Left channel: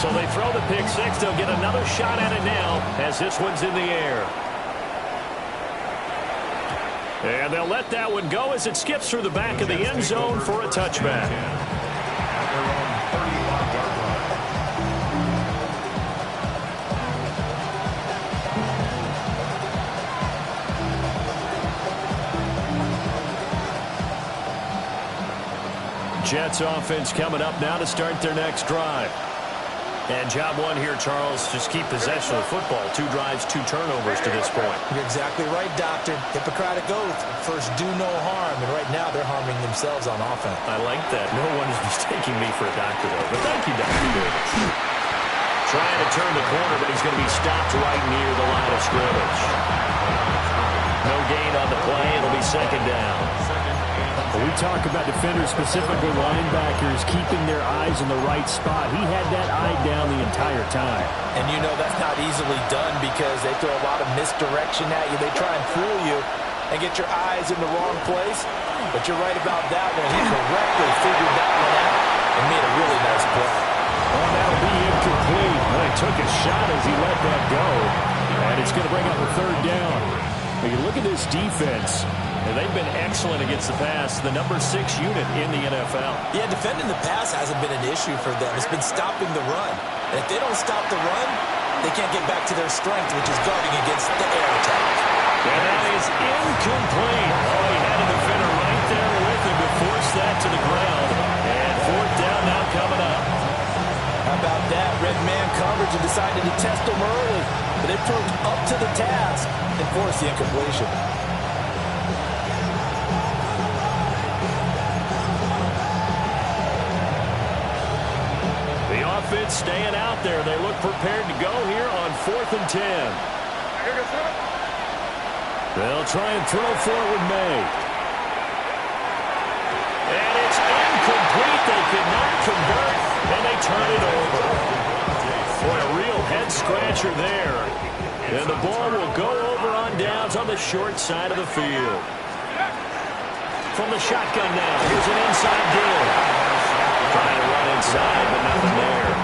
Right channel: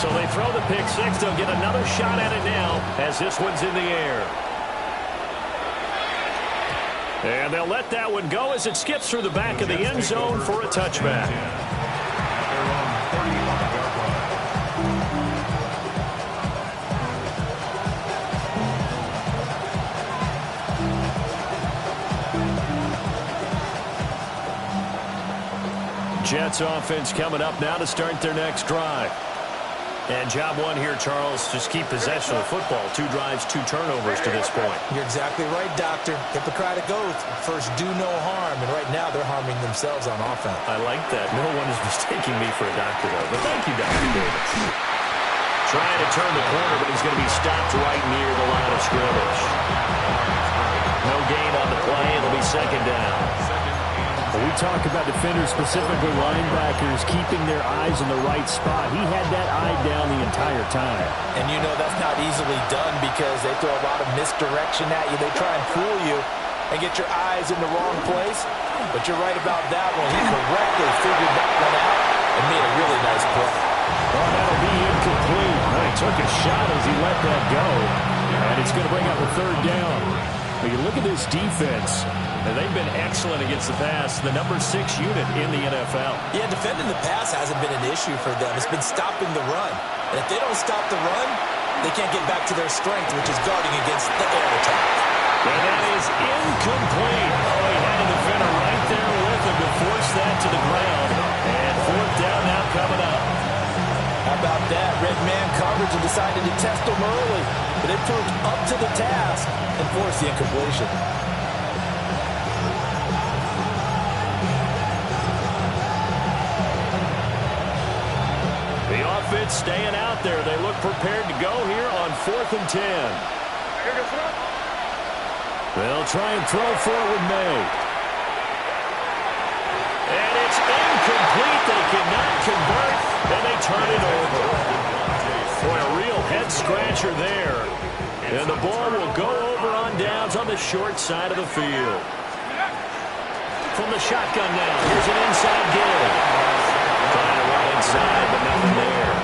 So they throw the pick six. They'll get another shot at it now as this one's in the air. And they'll let that one go as it skips through the back of the end zone for a touchback. At their own 35-yard line. Jets offense coming up now to start their next drive. And job one here, Charles, just keep possession of the football. 2 drives, 2 turnovers to this point. You're exactly right, Doctor. Hippocratic oath. First, do no harm. And right now, they're harming themselves on offense. I like that. No one is mistaking me for a doctor, though. But thank you, Dr. Davis. Trying to turn the corner, but he's going to be stopped right near the line of scrimmage. No gain on the play. It'll be second down. When we talk about defenders, specifically linebackers, keeping their eyes in the right spot. He had that eye down the entire time. And you know that's not easily done because they throw a lot of misdirection at you. They try and fool you and get your eyes in the wrong place. But you're right about that one. He correctly figured that one out and made a really nice play. Oh, that'll be incomplete. Well, he took a shot as he let that go. And it's going to bring up a third down. But you look at this defense. And they've been excellent against the pass, the number 6 unit in the NFL. Yeah, defending the pass hasn't been an issue for them. It's been stopping the run. And if they don't stop the run, they can't get back to their strength, which is guarding against the air attack. And that is incomplete. Oh, he had a defender right there with him to force that to the ground. And fourth down now coming up. How about that? Red man coverage and decided to test them early. But they proved up to the task and forced the incompletion. The offense staying out there. They look prepared to go here on 4th and 10. They'll try and throw for it with May. And it's incomplete. They cannot convert, and they turn it over. Boy, a real head-scratcher there. And the ball will go over on downs on the short side of the field. From the shotgun now, here's an inside give. Trying to run inside, but nothing there.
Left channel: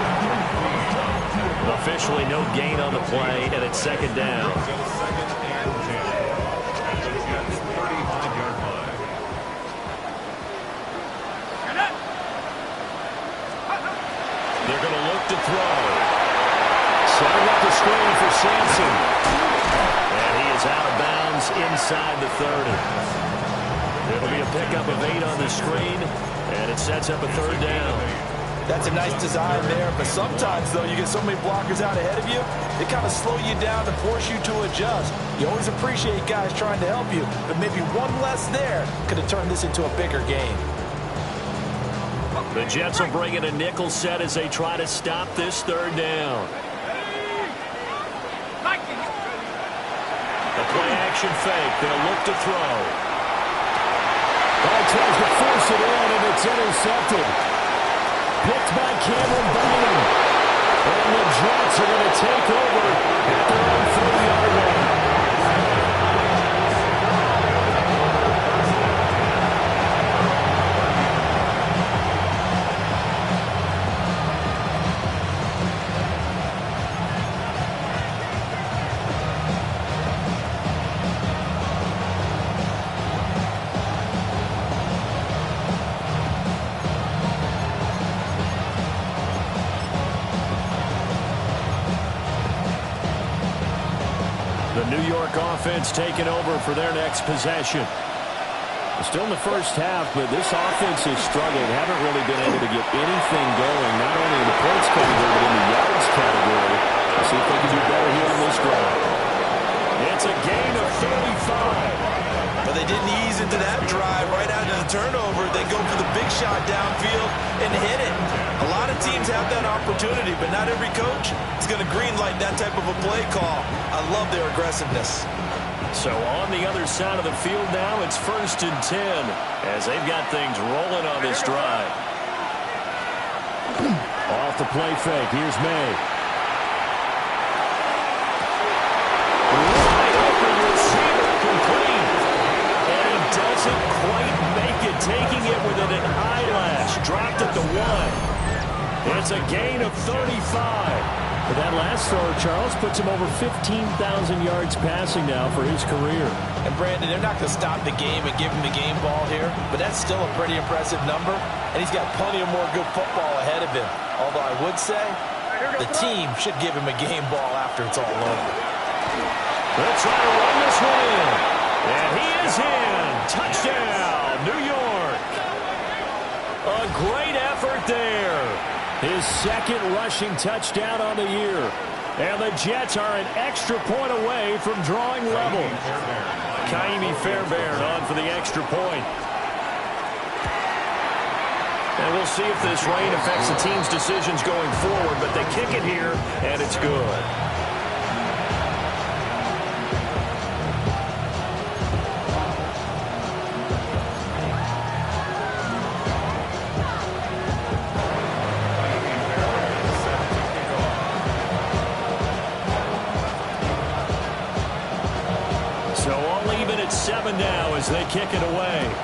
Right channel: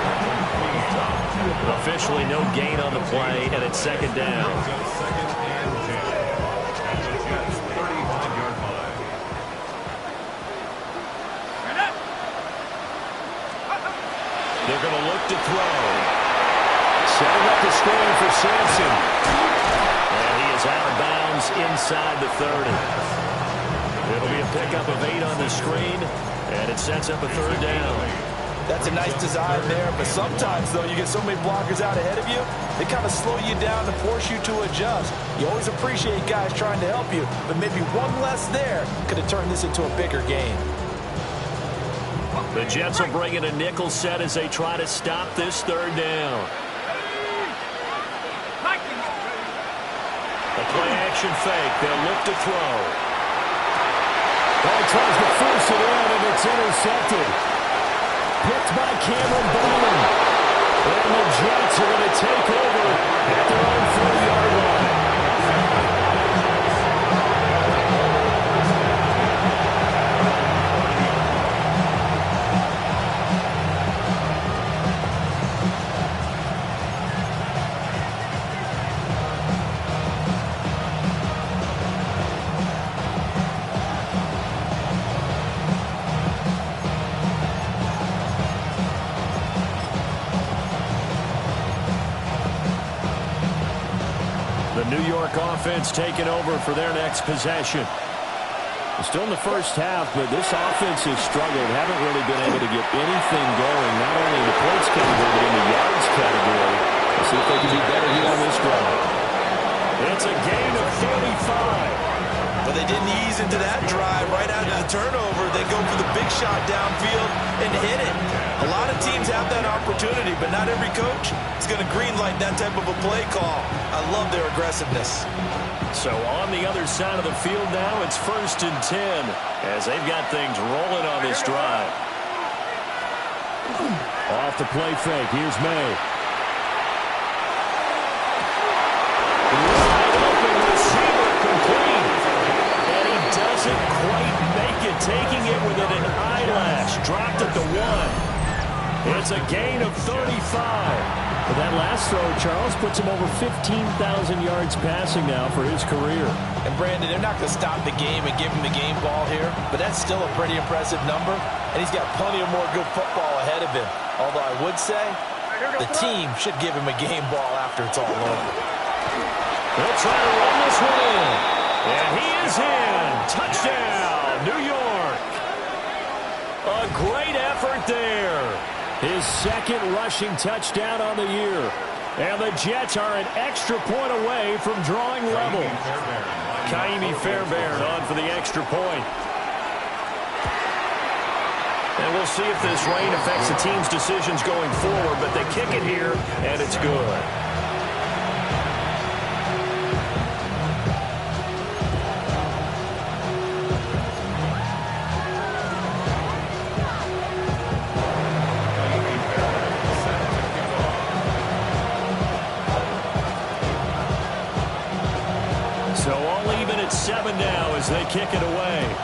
Officially no gain on the play, and it's second down. Second and 10 at the Jets' 35-yard line. They're going to look to throw. Setting up the screen for Sampson. And he is out of bounds inside the 30. It'll be a pickup of 8 on the screen. And it sets up a third down. That's a nice design there, but sometimes, though, you get so many blockers out ahead of you, they kind of slow you down and force you to adjust. You always appreciate guys trying to help you, but maybe one less there could have turned this into a bigger game. The Jets will bring in a nickel set as they try to stop this third down. The play-action fake. They'll look to throw. Ball tries to force it in, and it's intercepted. Picked by Cameron Bynum. And the Jets are going to take over at their own 30-yard line. New York offense taking over for their next possession. Still in the first half, but this offense has struggled. Haven't really been able to get anything going, not only in the points category, but in the yards category. Let's see if they can do better here on this drive. It's a gain of 35. But they didn't ease into that drive right out of the turnover. They go for the big shot downfield and hit it. A lot of teams have that opportunity, but not every coach is going to greenlight that type of a play call. I love their aggressiveness. So on the other side of the field now, it's 1st and 10 as they've got things rolling on this drive. Off the play fake. Here's May. Wide open receiver complete. And he doesn't quite make it, taking it within an eyelash. Dropped at the 1. It's a gain of 35. But that last throw, Charles, puts him over 15,000 yards passing now for his career. And, Brandon, they're not going to stop the game and give him the game ball here, but that's still a pretty impressive number, and he's got plenty of more good football ahead of him. Although I would say the team should give him a game ball after it's all over. They'll try to run this one in. And he is in. Touchdown, New York. A great effort there. His second rushing touchdown on the year. And the Jets are an extra point away from drawing level. Kaimi Fairbairn on for the extra point. And we'll see if this rain affects the team's decisions going forward, but they kick it here, and it's good. So all even at 7 now as they kick it away.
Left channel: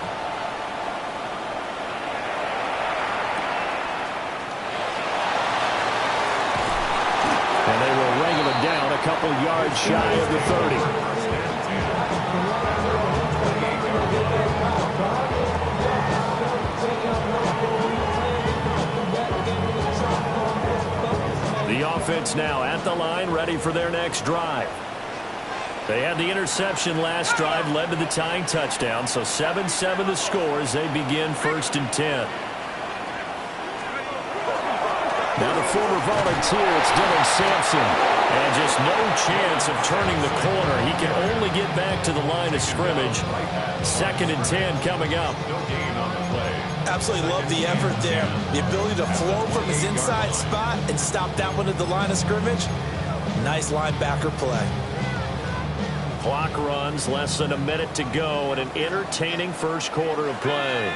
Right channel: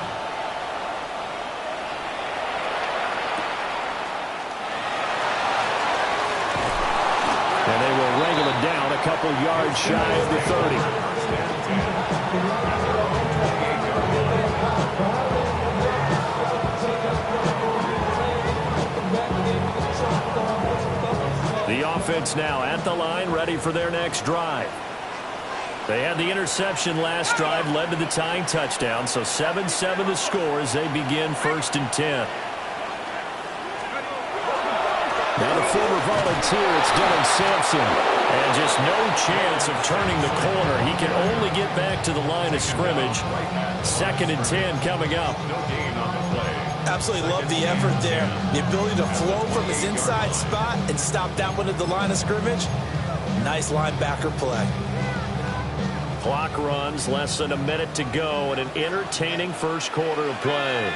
And they will wrangle it down a couple yards shy of the 30. The offense now at the line, ready for their next drive. They had the interception last drive, led to the tying touchdown, so 7-7 the score as they begin 1st and 10. Now the former volunteer, it's Dylan Sampson. And just no chance of turning the corner. He can only get back to the line of scrimmage. 2nd and 10 coming up. Absolutely love the effort there. The ability to flow from his inside spot and stop that one at the line of scrimmage. Nice linebacker play. Clock runs, less than a minute to go, and an entertaining first quarter of play.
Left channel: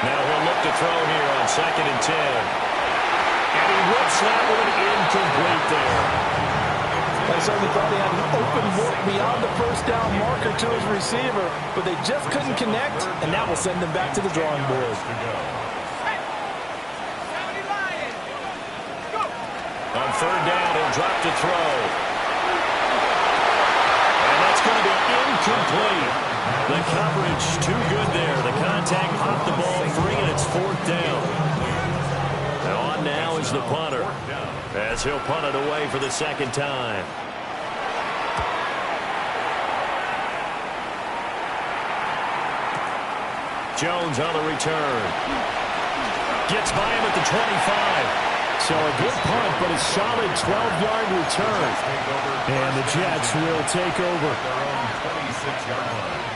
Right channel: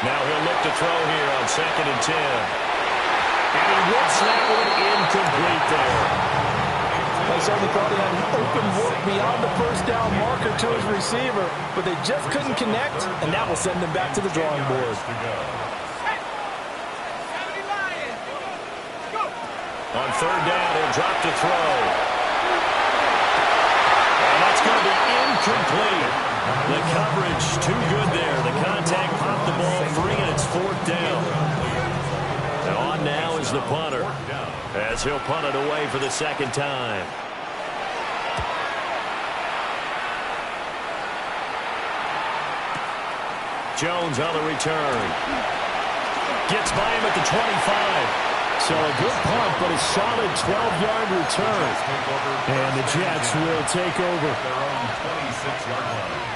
Now he'll look to throw here on 2nd and 10. And he whips that one incomplete there. I certainly thought he had an open look beyond the first down marker to his receiver, but they just couldn't connect, and that will send them back to the drawing board. On 3rd down, he'll drop to throw. And that's going to be incomplete. The coverage too good there. The contact popped the ball free, and it's 4th down. And on now is the punter, as he'll punt it away for the 2nd time. Jones on the return. Gets by him at the 25. So a good punt, but a solid 12-yard return. And the Jets will take over. Their own 26-yard line.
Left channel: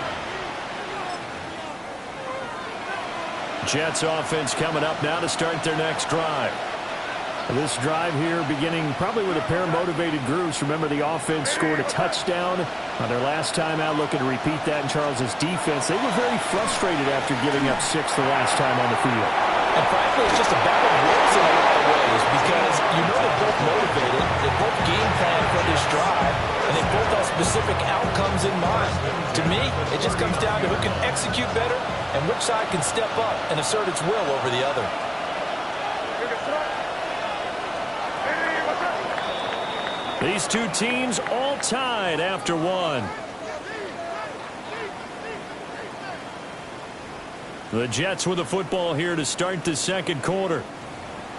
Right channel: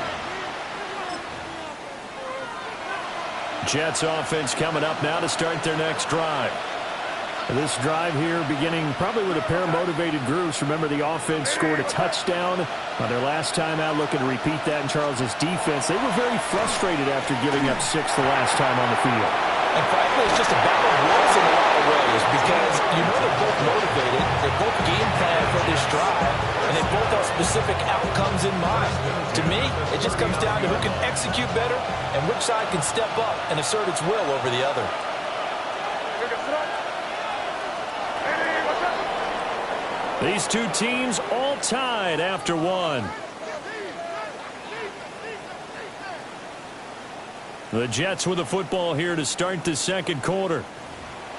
Jets offense coming up now to start their next drive. This drive here beginning probably with a pair of motivated groups. Remember, the offense scored a touchdown on their last time out, looking to repeat that in Charles's defense. They were very frustrated after giving up 6 the last time on the field. And frankly, it's just a battle of wills in a lot of ways because you know they're both motivated, they both game plan for this drive, and they both have specific outcomes in mind. To me, it just comes down to who can execute better and which side can step up and assert its will over the other. These two teams all tied after one. The Jets with the football here to start the 2nd quarter,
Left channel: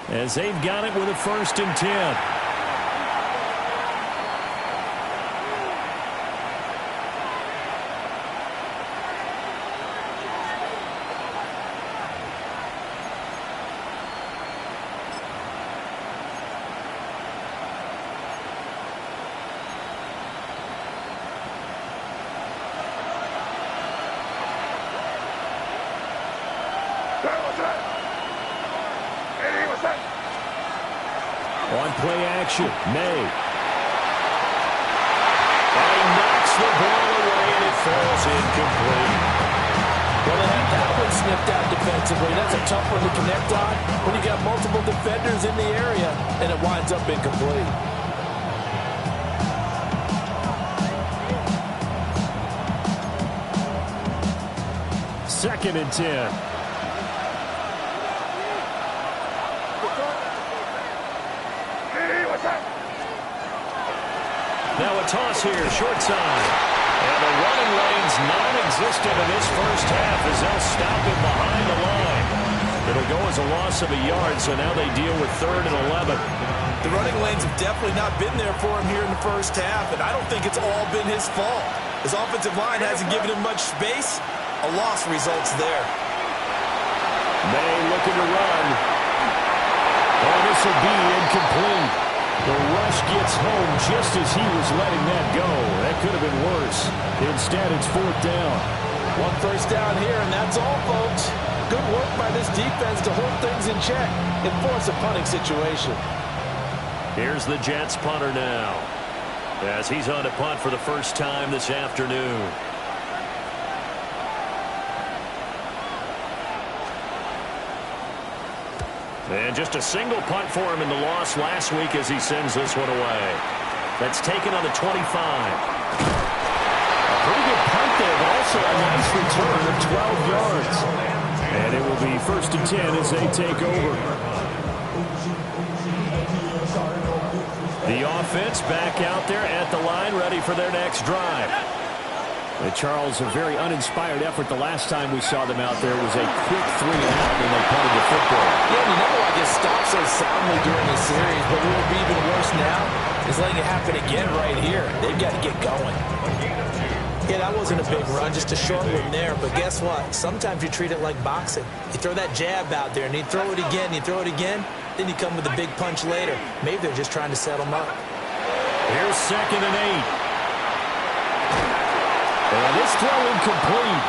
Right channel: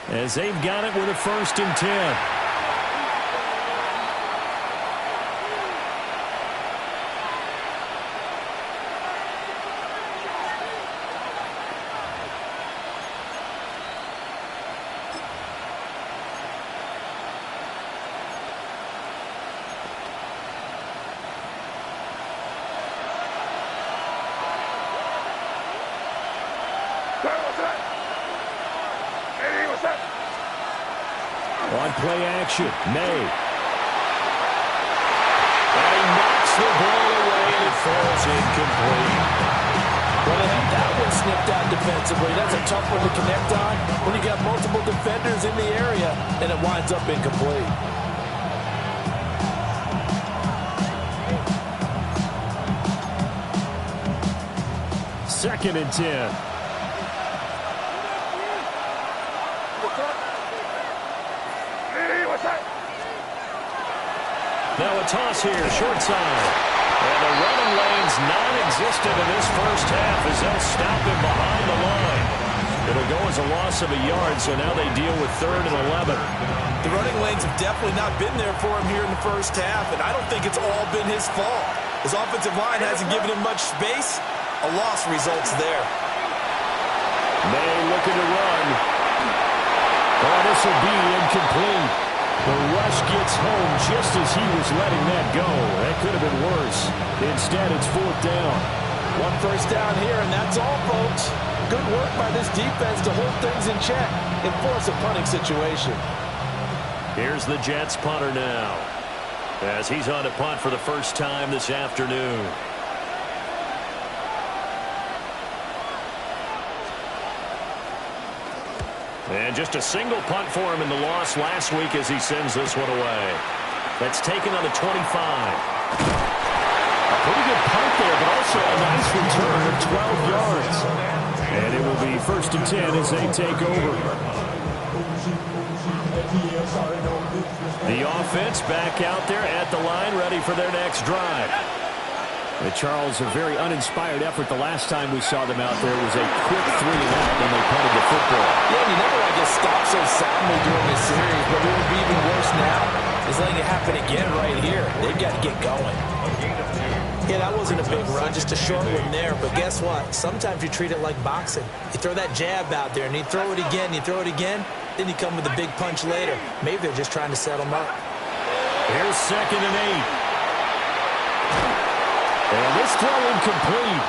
as they've got it with a 1st and 10. On play action, May. And he knocks the ball away, and it falls incomplete. Well, they had that one snipped out defensively. That's a tough one to connect on when you got multiple defenders in the area, and it winds up incomplete. Second and 10. Now a toss here, short side. And the running lane's non-existent in this first half as they'll stop him behind the line. It'll go as a loss of a yard, so now they deal with 3rd and 11. The running lanes have definitely not been there for him here in the first half, and I don't think it's all been his fault. His offensive line hasn't given him much space. A loss results there. May looking to run. Oh, this will be incomplete. The rush gets home just as he was letting that go. That could have been worse. Instead, it's 4th down. 1 first down here, and that's all, folks. Good work by this defense to hold things in check and force a punting situation. Here's the Jets punter now, as he's on to punt for the first time this afternoon. And just a single punt for him in the loss last week as he sends this one away. That's taken on the 25. A pretty good punt there, but also a nice return of 12 yards. And it will be 1st and 10 as they take over. The offense back out there at the line, ready for their next drive. Charles, a very uninspired effort the last time we saw them out there was a quick 3 and out when they punted the football. Yeah, and you never want to get stopped so soundly during this series, but what would be even worse now is letting it happen again right here. They've got to get going. Yeah, that wasn't a big run, just a short one there, but guess what? Sometimes you treat it like boxing. You throw that jab out there, and you throw it again, then you come with a big punch later. Maybe they're just trying to set them up. Here's 2nd and 8. And this throw incomplete.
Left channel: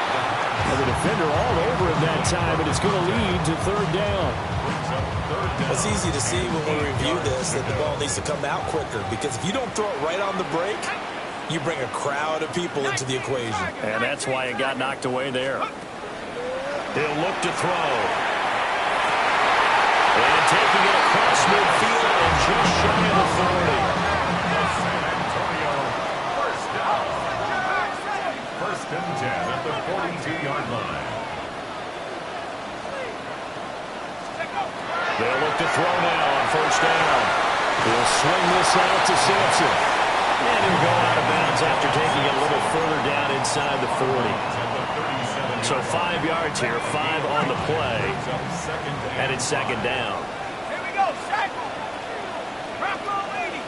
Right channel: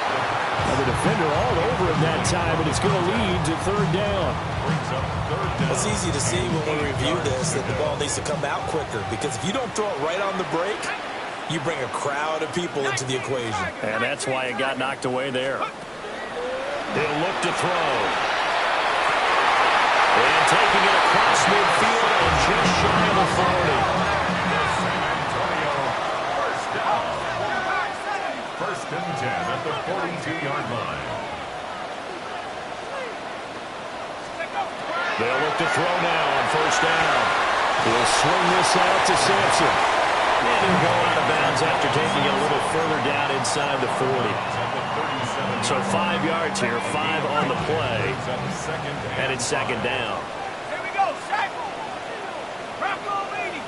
And the defender all over him that time, and it's going to lead to 3rd down. It's easy to see when we review this that the ball needs to come out quicker, because if you don't throw it right on the break, you bring a crowd of people into the equation. And that's why it got knocked away there. He'll look to throw. And taking it across midfield and just shy of the 40. San Antonio, first down. 1st and 10 at the 42-yard line. They'll look to throw now on 1st down. He'll swing this out to Sampson. And he'll go out of bounds after taking it a little further down inside the 40. So 5 yards here, 5 on the play. And it's 2nd down. Here we go, Shaq. Rocco leading.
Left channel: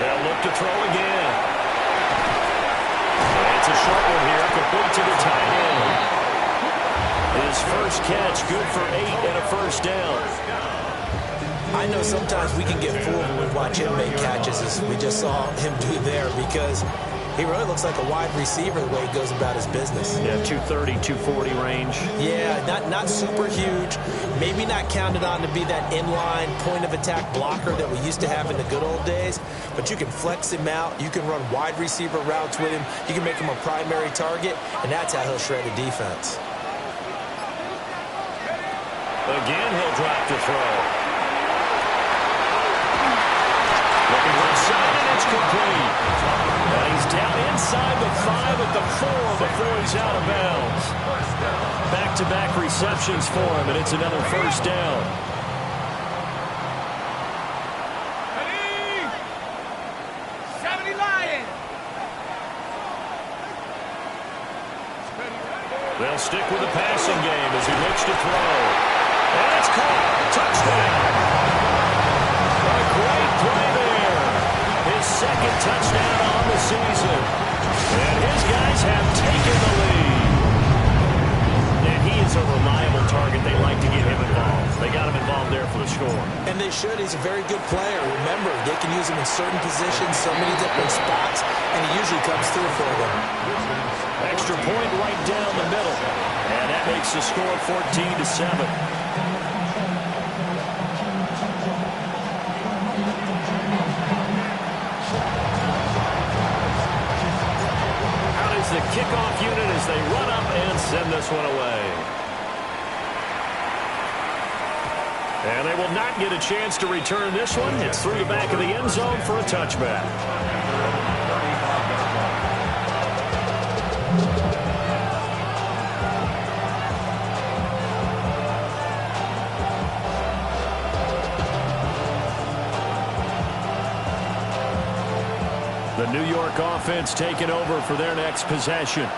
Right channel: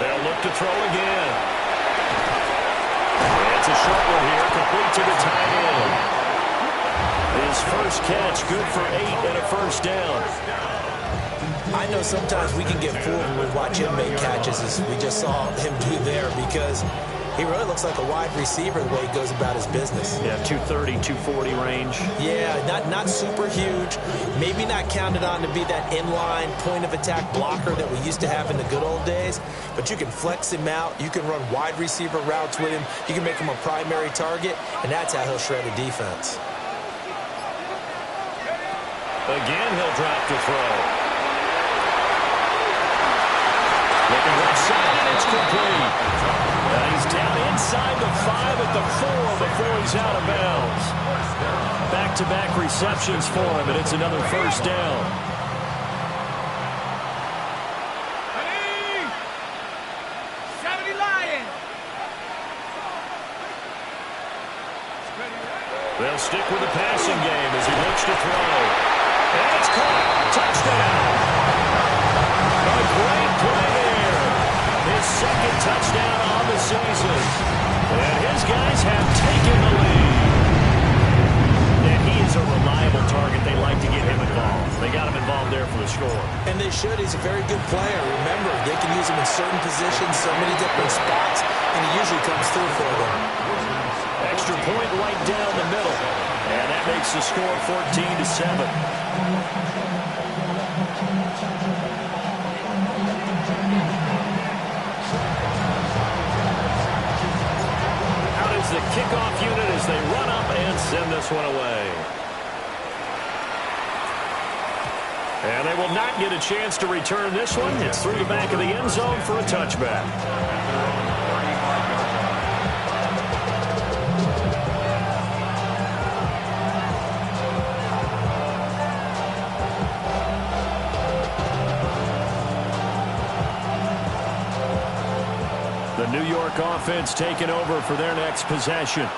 They'll look to throw again. It's a short one here, complete to the tight end. His first catch, good for 8 and a 1st down. I know sometimes we can get fooled when we watch him make catches, as we just saw him do there, because he really looks like a wide receiver the way he goes about his business. Yeah, 230, 240 range. Yeah, not super huge. Maybe not counted on to be that inline point-of-attack blocker that we used to have in the good old days, but you can flex him out. You can run wide receiver routes with him. You can make him a primary target, and that's how he'll shred a defense. Again, he'll drop to throw. Looking left side, and it's complete. He's down inside the 5 at the 4 before he's out of bounds. Back-to-back receptions for him, and it's another 1st down. Ready? 70 Lions. They'll stick with the passing game as he looks to throw. And it's caught. Touchdown. A great play there. His 2nd touchdown on the season. And his guys have taken the lead. And he is a reliable target. They like to get him involved. They got him involved there for the score. And they should. He's a very good player. Remember, they can use him in certain positions, so many different spots, and he usually comes through for them. Extra point right down the middle. And that makes the score 14-7. The kickoff unit as they run up and send this one away. And they will not get a chance to return this one. It's through the back of the end zone for a touchback. The New York offense taking over for their next possession.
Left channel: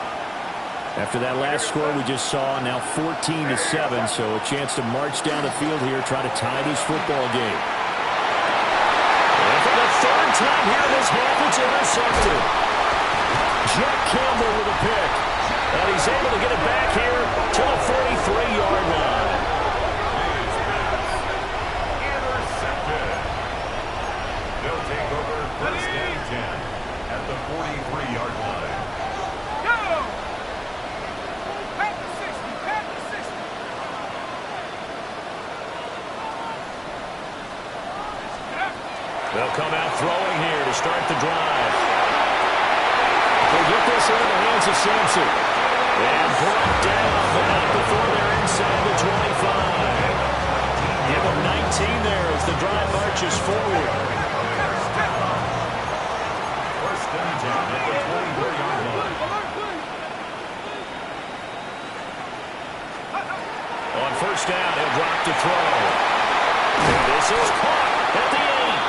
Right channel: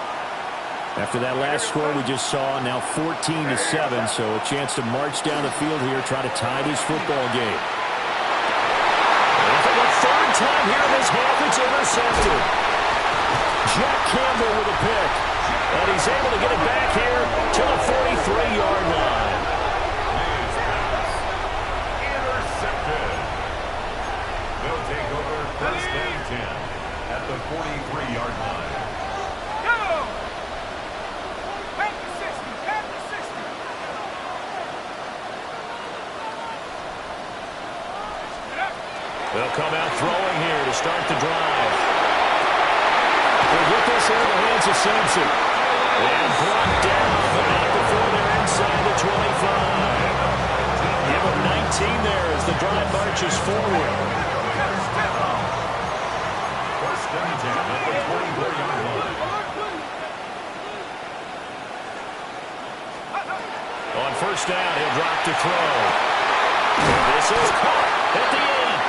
After that last score we just saw, now 14-7, so a chance to march down the field here, try to tie this football game. And for the third time here in this half, it's intercepted. Jack Campbell with a pick. And he's able to get it back here to the 43-yard line. Intercepted. They'll take over first and 10 at the 43-yard line. Go! Back to 60. Back to 60. They'll come out throwing here to start the drive. They'll get this into the hands of Sampson. And brought down, but not before they're inside the 25. Give them 19 there as the drive marches forward. First and 10 at the 24-yard line. On first down, he'll drop to throw. And this is caught at the 8.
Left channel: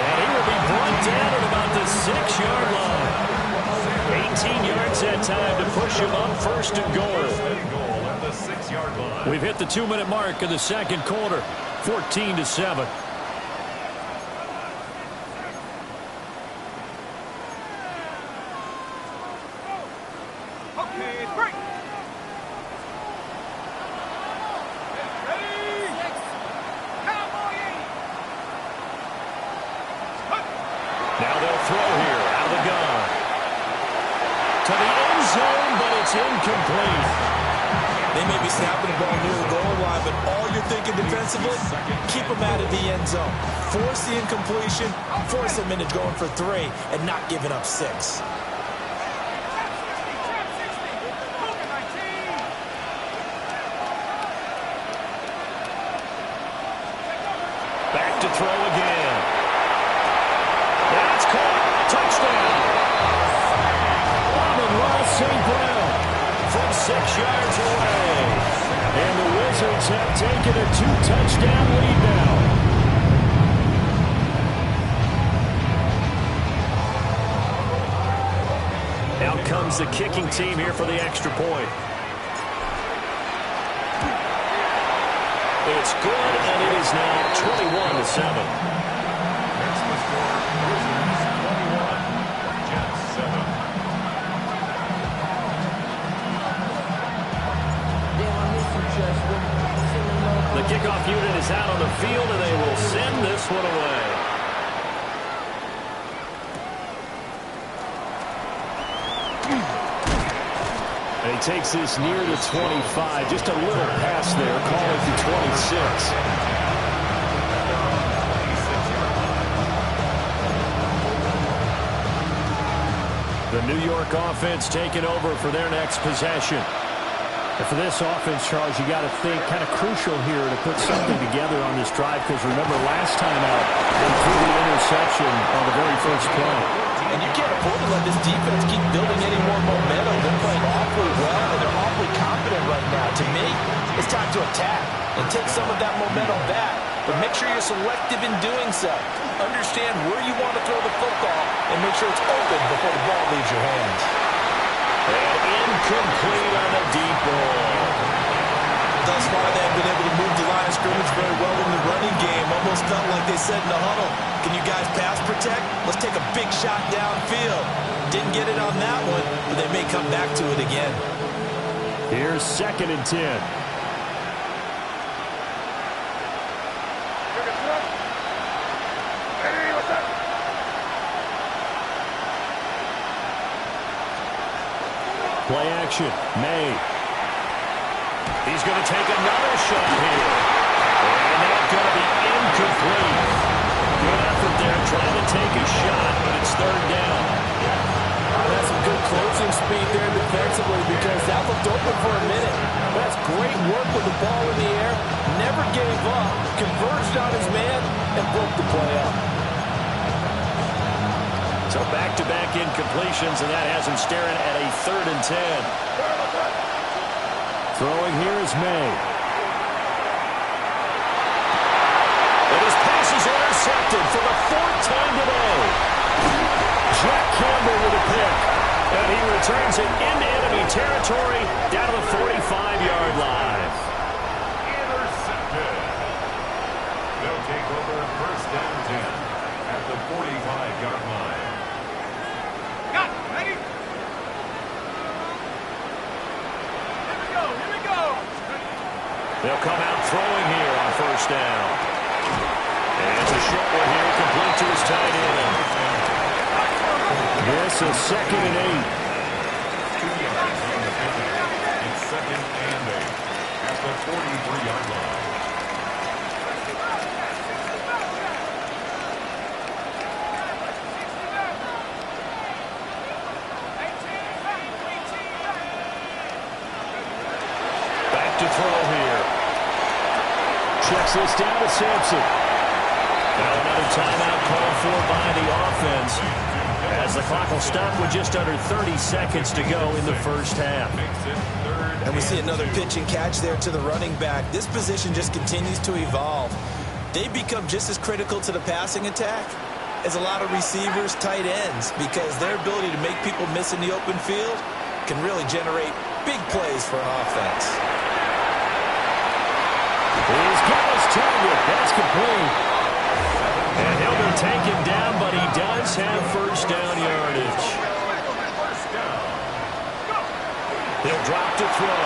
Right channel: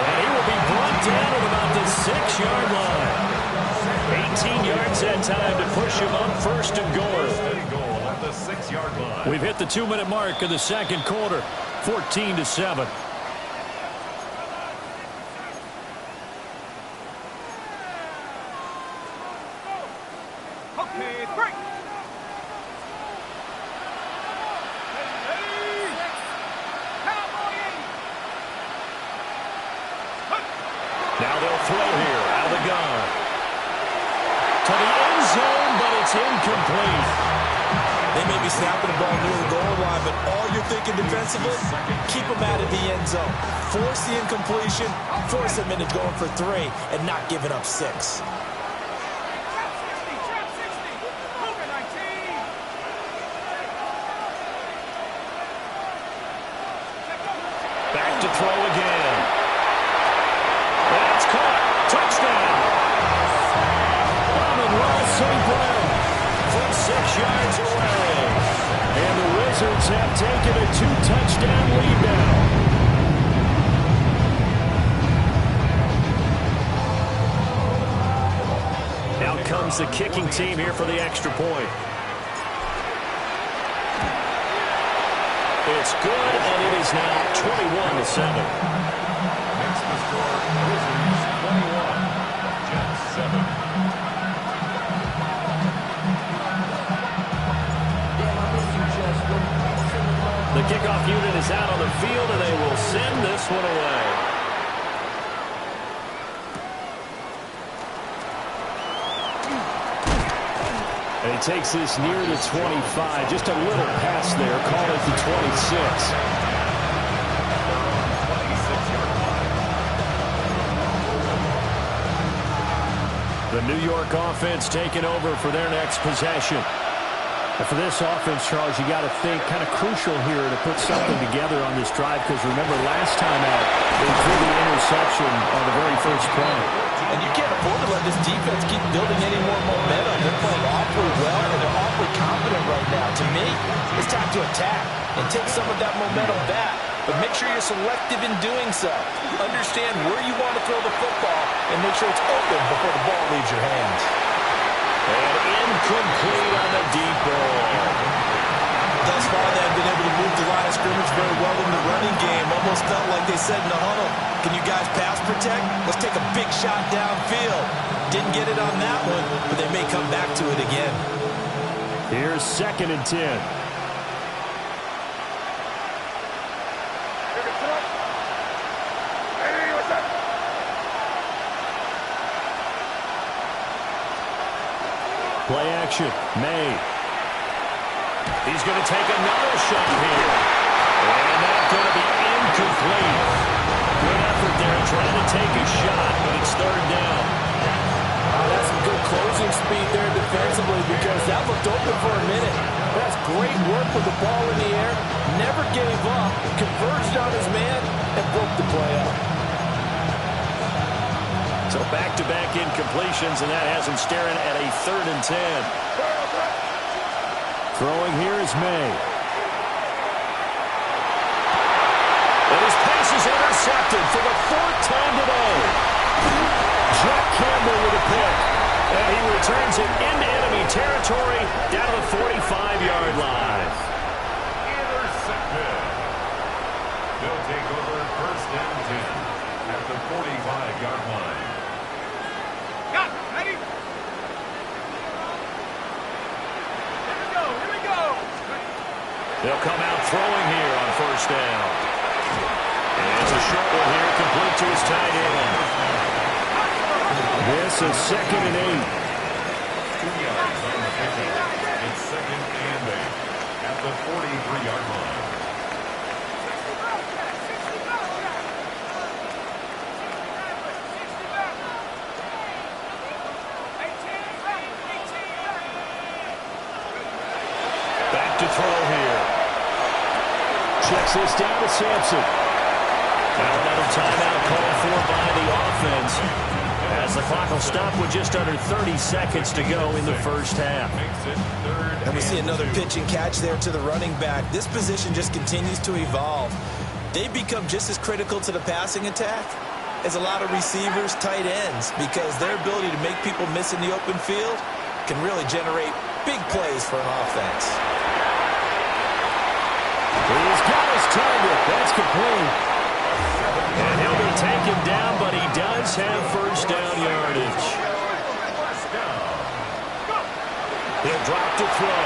And he will be brought down at about the 6-yard line. 18 yards that time to push him up first and goal. First and goal at the 6-yard line. We've hit the 2-minute mark of the second quarter. 14-7. Okay, break. Ready? Cowboy 80. Now they'll throw here out of the gun. To the end zone, but it's incomplete. They may be snapping the ball near the goal line, but all you're thinking defensively, keep them out of the end zone. Force the incompletion, force them into going for 3, and not giving up 6. Trap 60. Trap 60. Cougar 19. Back to throw again. That's caught. Touchdown. St. Brown from 6 yards away. And the Wizards have taken a 2-touchdown lead now. Out comes the kicking team here for the extra point. It's good, and it is now 21-7. Makes the score Wizards 21, Jets 7. The kickoff unit is out on the field, and they will send this one away. And he takes this near the 25. Just a little pass there. Call it the 26. The New York offense taking over for their next possession. And for this offense, Charles, you got to think kind of crucial here to put something together on this drive, because remember last time out they threw the interception on the very first play. And you can't afford to let this defense keep building any more momentum. They're playing awfully well, and they're awfully confident right now. To me, it's time to attack and take some of that momentum back. But make sure you're selective in doing so. Understand where you want to throw the football and make sure it's open before the ball leaves your hands. And incomplete on the deep ball. Thus far, they have been able to move the line of scrimmage very well in the running game. Almost felt like they said in the huddle, can you guys pass protect? Let's take a big shot downfield. Didn't get it on that one, but they may come back to it again. Here's 2nd and 10. Play action. May. He's going to take another shot here. And that's going to be incomplete. Good effort there trying to take a shot, but it's 3rd down. That's some good closing speed there defensively, because that looked open for a minute. That's great work with the ball in the air. Never gave up, converged on his man, and broke the play up. So back-to-back incompletions, and that has him staring at a 3rd and 10. Throwing here is May. And his pass is intercepted for the 4th time today. And he returns it into enemy territory down to the 45-yard line. Intercepted. They'll take over first and 10 at the 45-yard line. Got it. Ready? Here we go. Here we go. They'll come out throwing here on first down. And it's a short one here, complete to his tight end. This is 2nd and 8. 2 yards on the pickup. It's 2nd and 8 at the 43-yard line. 60 miles back. 60 miles back. 60 back. 18 back. 18 back. Back to throw here. Checks this down to Sampson. Now another timeout called for by the offense, as the clock will stop with just under 30 seconds to go in the first half. And we see another pitch and catch there to the running back. This position just continues to evolve. They become just as critical to the passing attack as a lot of receivers, tight ends, because their ability to make people miss in the open field can really generate big plays for an offense. He's got his target. That's complete. And he'll be taken down, but he does have first down yardage. He'll drop to throw.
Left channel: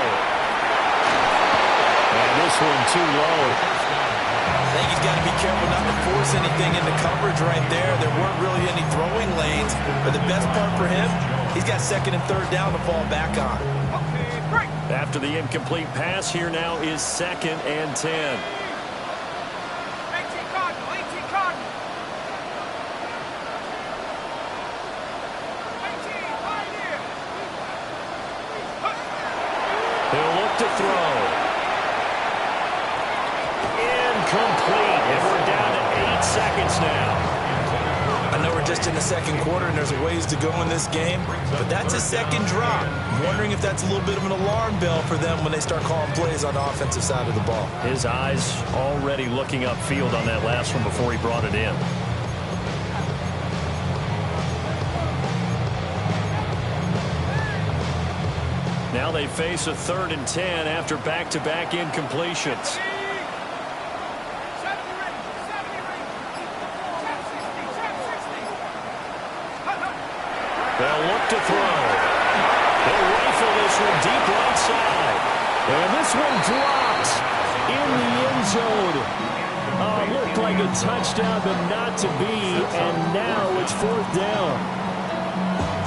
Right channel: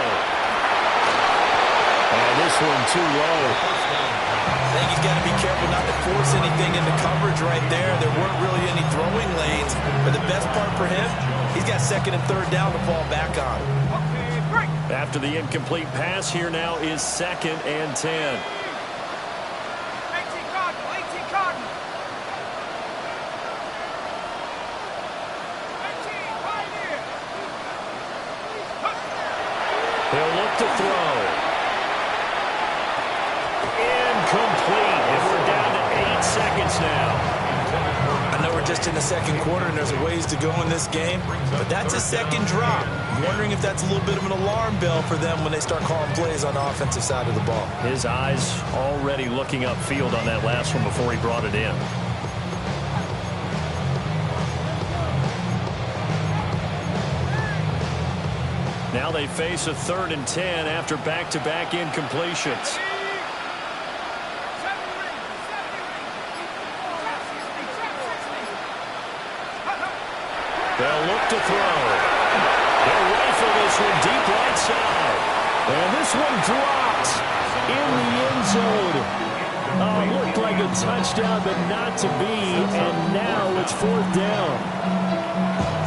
And this one too low. I think he's got to be careful not to force anything into coverage right there. There weren't really any throwing lanes, but the best part for him, he's got 2nd and 3rd down to fall back on. Okay, break. After the incomplete pass, here now is 2nd and 10. 18 Cardinal. 18 Cardinal. 18 Pioneer. He'll look to throw. Incomplete. And we're down to 8 seconds now. I know we're just in the 2nd quarter and there's a ways to go in this game, but that's a 2nd drop. I'm wondering if that's a little bit of an alarm bell for them when they start calling plays on the offensive side of the ball. His eyes already looking upfield on that last one before he brought it in. Now they face a 3rd and 10 after back-to-back incompletions. 70 range. 70 range. Tap 60. Tap 60. They'll look to throw. They'll rifle this one deep right side. And this one dropped in the end zone. Looked like a touchdown, but not to be. And now it's 4th down.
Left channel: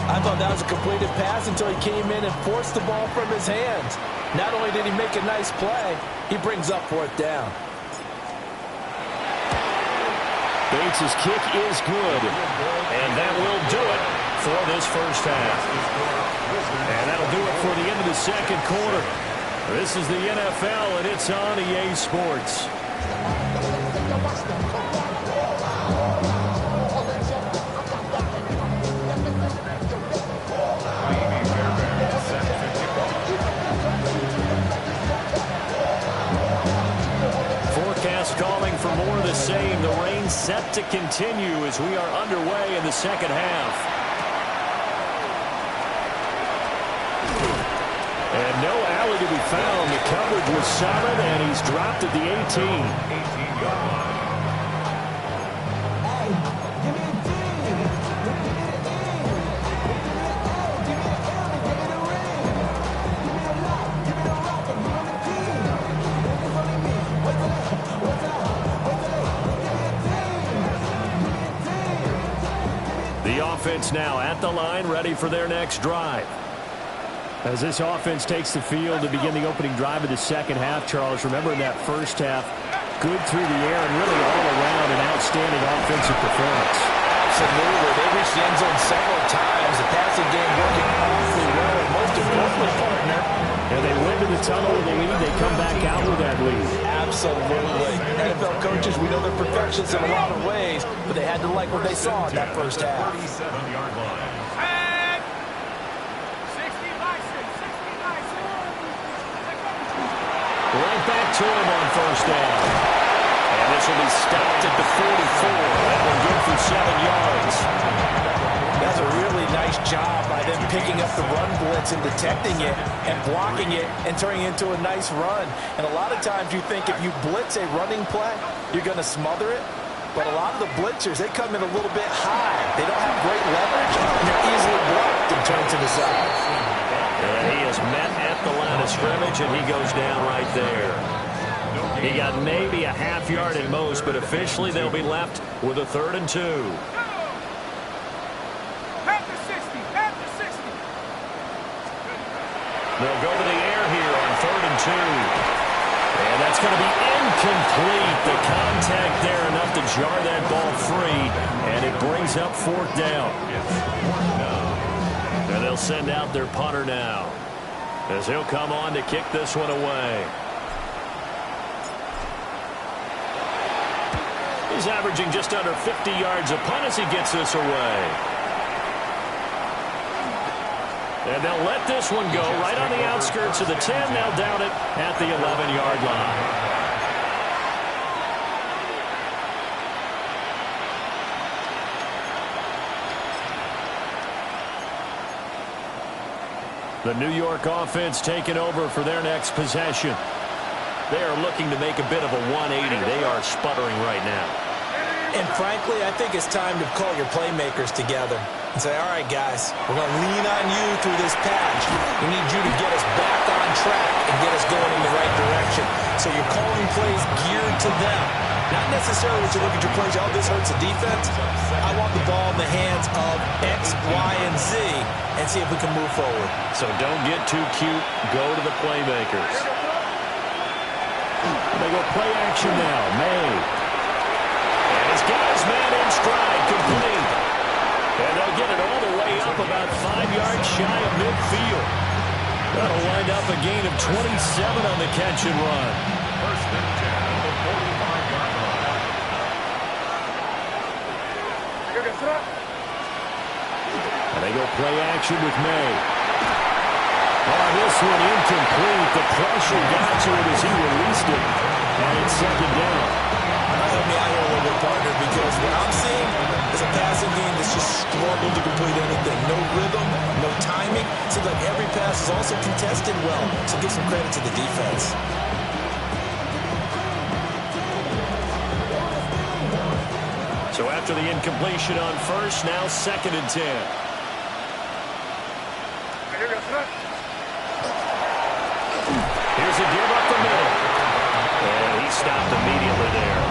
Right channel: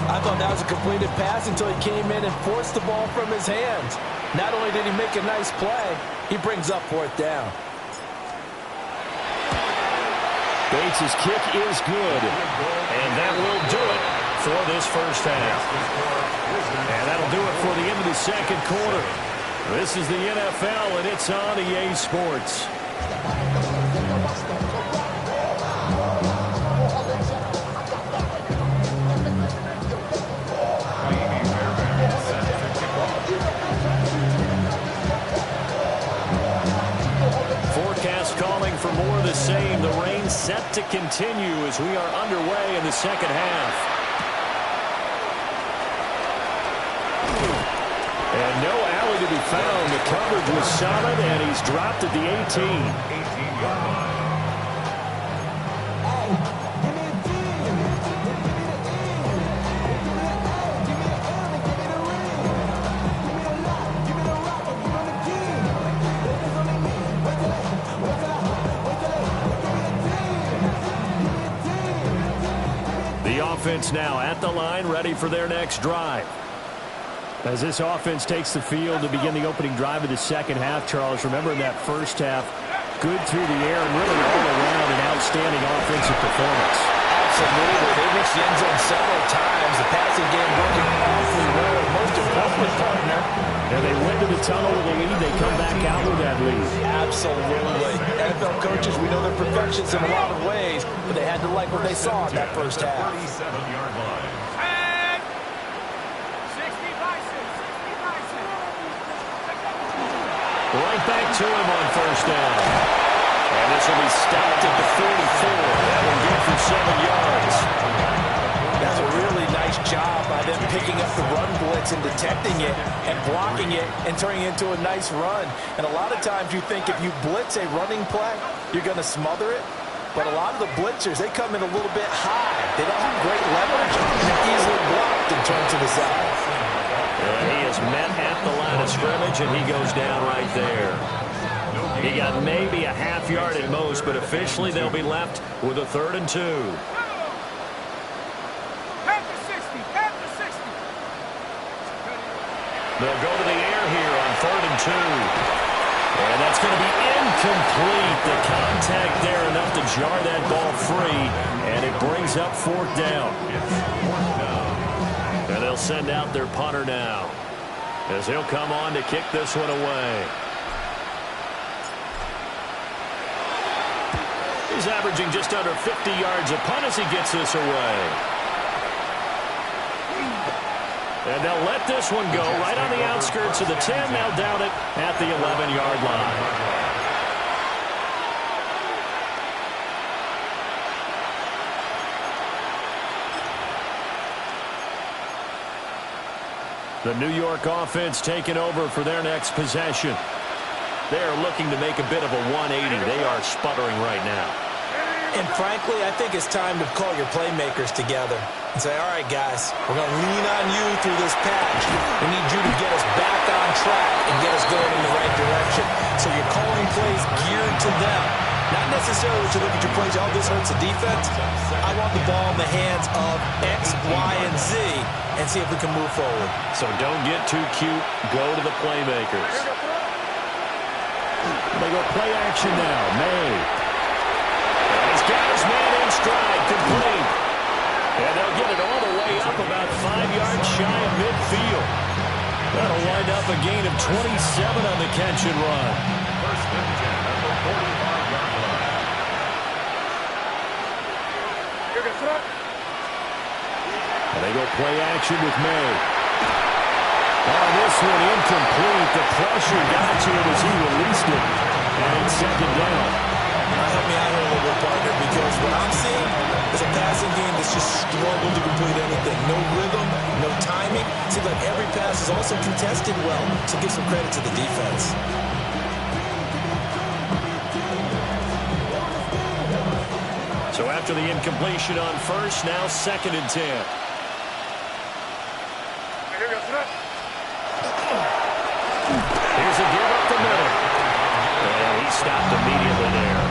I thought that was a completed pass until he came in and forced the ball from his hands. Not only did he make a nice play, he brings up 4th down. Bates' kick is good. And that will do it for this first half. And that'll do it for the end of the 2nd quarter. This is the NFL, and it's on EA Sports. Forecast calling for more of the same. The rain set to continue as we are underway in the 2nd half. And no alley to be found. The coverage was solid, and he's dropped at the 18. 18-yard line. The offense now at the line, ready for their next drive. As this offense takes the field to begin the opening drive of the 2nd half, Charles, remember in that first half, good through the air and really all around an outstanding offensive performance. Absolutely. They reached the end zone several times. The passing game working awfully well, and most importantly, partner. And they went to the tunnel with a lead. They come back out with that lead. Absolutely. NFL coaches, we know they're perfectionists in a lot of ways, but they had to like what they saw in that first half. 37-yard line. Tag. 60 Bison. 60 Bison. Right back to him on first down. And this will be stopped at the 44. That one good for 7 yards. That's a really nice nice job by them picking up the run blitz and detecting it and blocking it and turning it into a nice run. And a lot of times you think if you blitz a running play, you're going to smother it. But a lot of the blitzers, they come in a little bit high. They don't have great leverage, and they're easily blocked and turned to the side. He is met at the line of scrimmage, and he goes down right there. He got maybe a half yard at most, but officially they'll be left with a 3rd and 2. Panther 60, Panther 60. They'll go to the air here on 3rd and 2. And that's going to be incomplete. The contact there enough to jar that ball free, and it brings up 4th down. And they'll send out their punter now, as he'll come on to kick this one away. He's averaging just under 50 yards a punt as he gets this away. And they'll let this one go right on the outskirts of the 10. They'll down it at the 11-yard line. The New York offense taking over for their next possession. They are looking to make a bit of a 180. They are sputtering right now. And frankly, I think it's time to call your playmakers together and say, all right, guys, we're going to lean on you through this patch. We need you to get us back on track and get us going in the right direction. So you're calling plays geared to them. Not necessarily that you look at your plays, oh, this hurts the defense. I want the ball in the hands of X, Y, and Z and see if we can move forward. So don't get too cute. Go to the playmakers. They go play action now. May. And he's got his man in stride, complete. And they'll get it all the way up about 5 yards shy of midfield. That'll wind up a gain of 27 on the catch and run. 1st and 10 at the 45-yard line. And they go play action with May. On this one, incomplete. The pressure got to it as he released it. And it's 2nd down. Help me out here a little bit, partner, because what I'm seeing is a passing game that's just struggled to complete anything. No rhythm, no timing. Seems like every pass is also contested well, so give some credit to the defense. So after the incompletion on 1st, now 2nd and 10. Here's a give up the middle. And he stopped immediately there.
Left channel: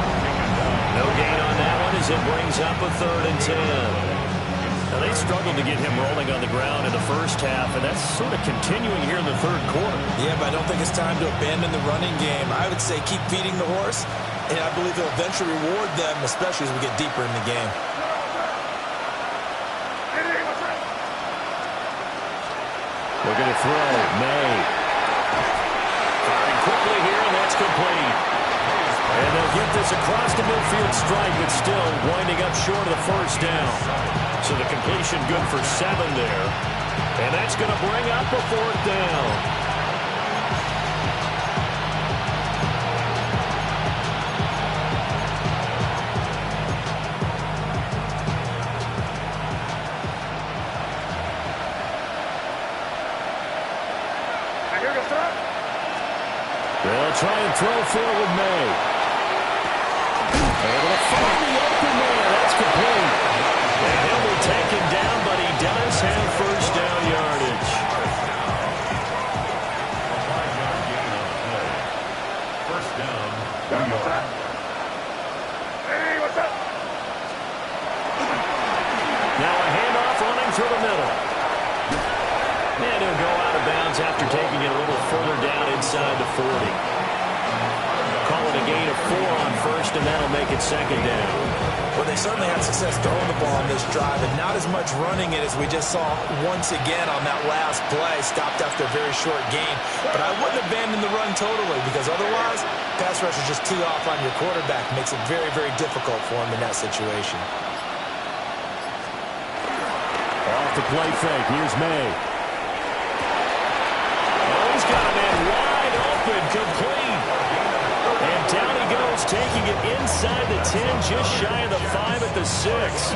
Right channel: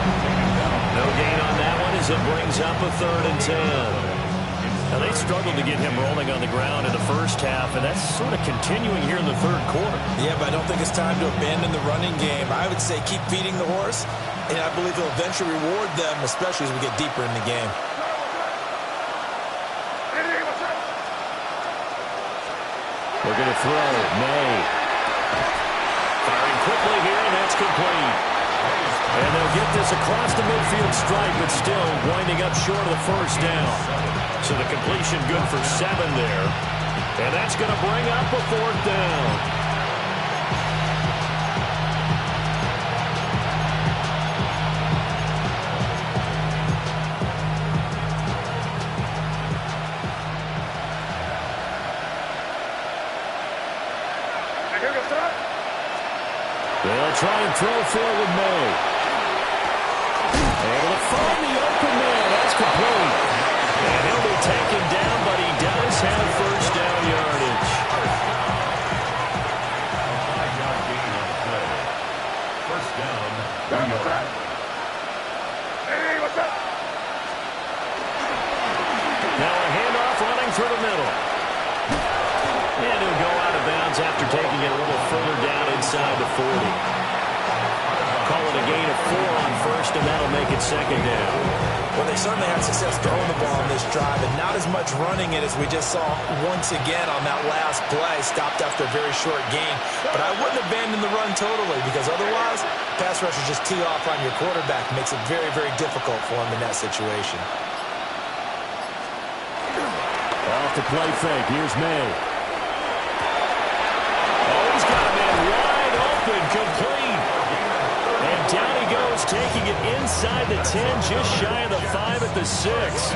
No gain on that one as it brings up a 3rd and 10. Now they struggled to get him rolling on the ground in the first half, and that's sort of continuing here in the 3rd quarter. Yeah, but I don't think it's time to abandon the running game. I would say keep feeding the horse, and I believe he'll eventually reward them, especially as we get deeper in the game. Looking to throw. May. Firing quickly here, and that's complete. And they'll get this across the midfield stripe, but still winding up short of the 1st down. So the completion good for 7 there. And that's going to bring up a 4th down. They'll try and throw forward May. Able to find the open man. That's complete. And he'll be taken down, but he does have 1st down yardage. A 5-yard gain on the play. 1st down, New York. Hey, what's up? Now a handoff running through the middle. And he'll go out of bounds after taking it a little further down inside the 40. Call it a gain of 4 on 1st, and that'll make it 2nd down. Well, they certainly had success throwing the ball on this drive, and not as much running it as we just saw once again on that last play, stopped after a very short gain. But I wouldn't abandon the run totally, because otherwise, pass rushers just tee off on your quarterback. Makes it very, very difficult for him in that situation. Off the play fake. Here's May. Oh, he's got a man wide open, complete. And down he goes, taking it inside the 10, just shy of the 5 at the 6.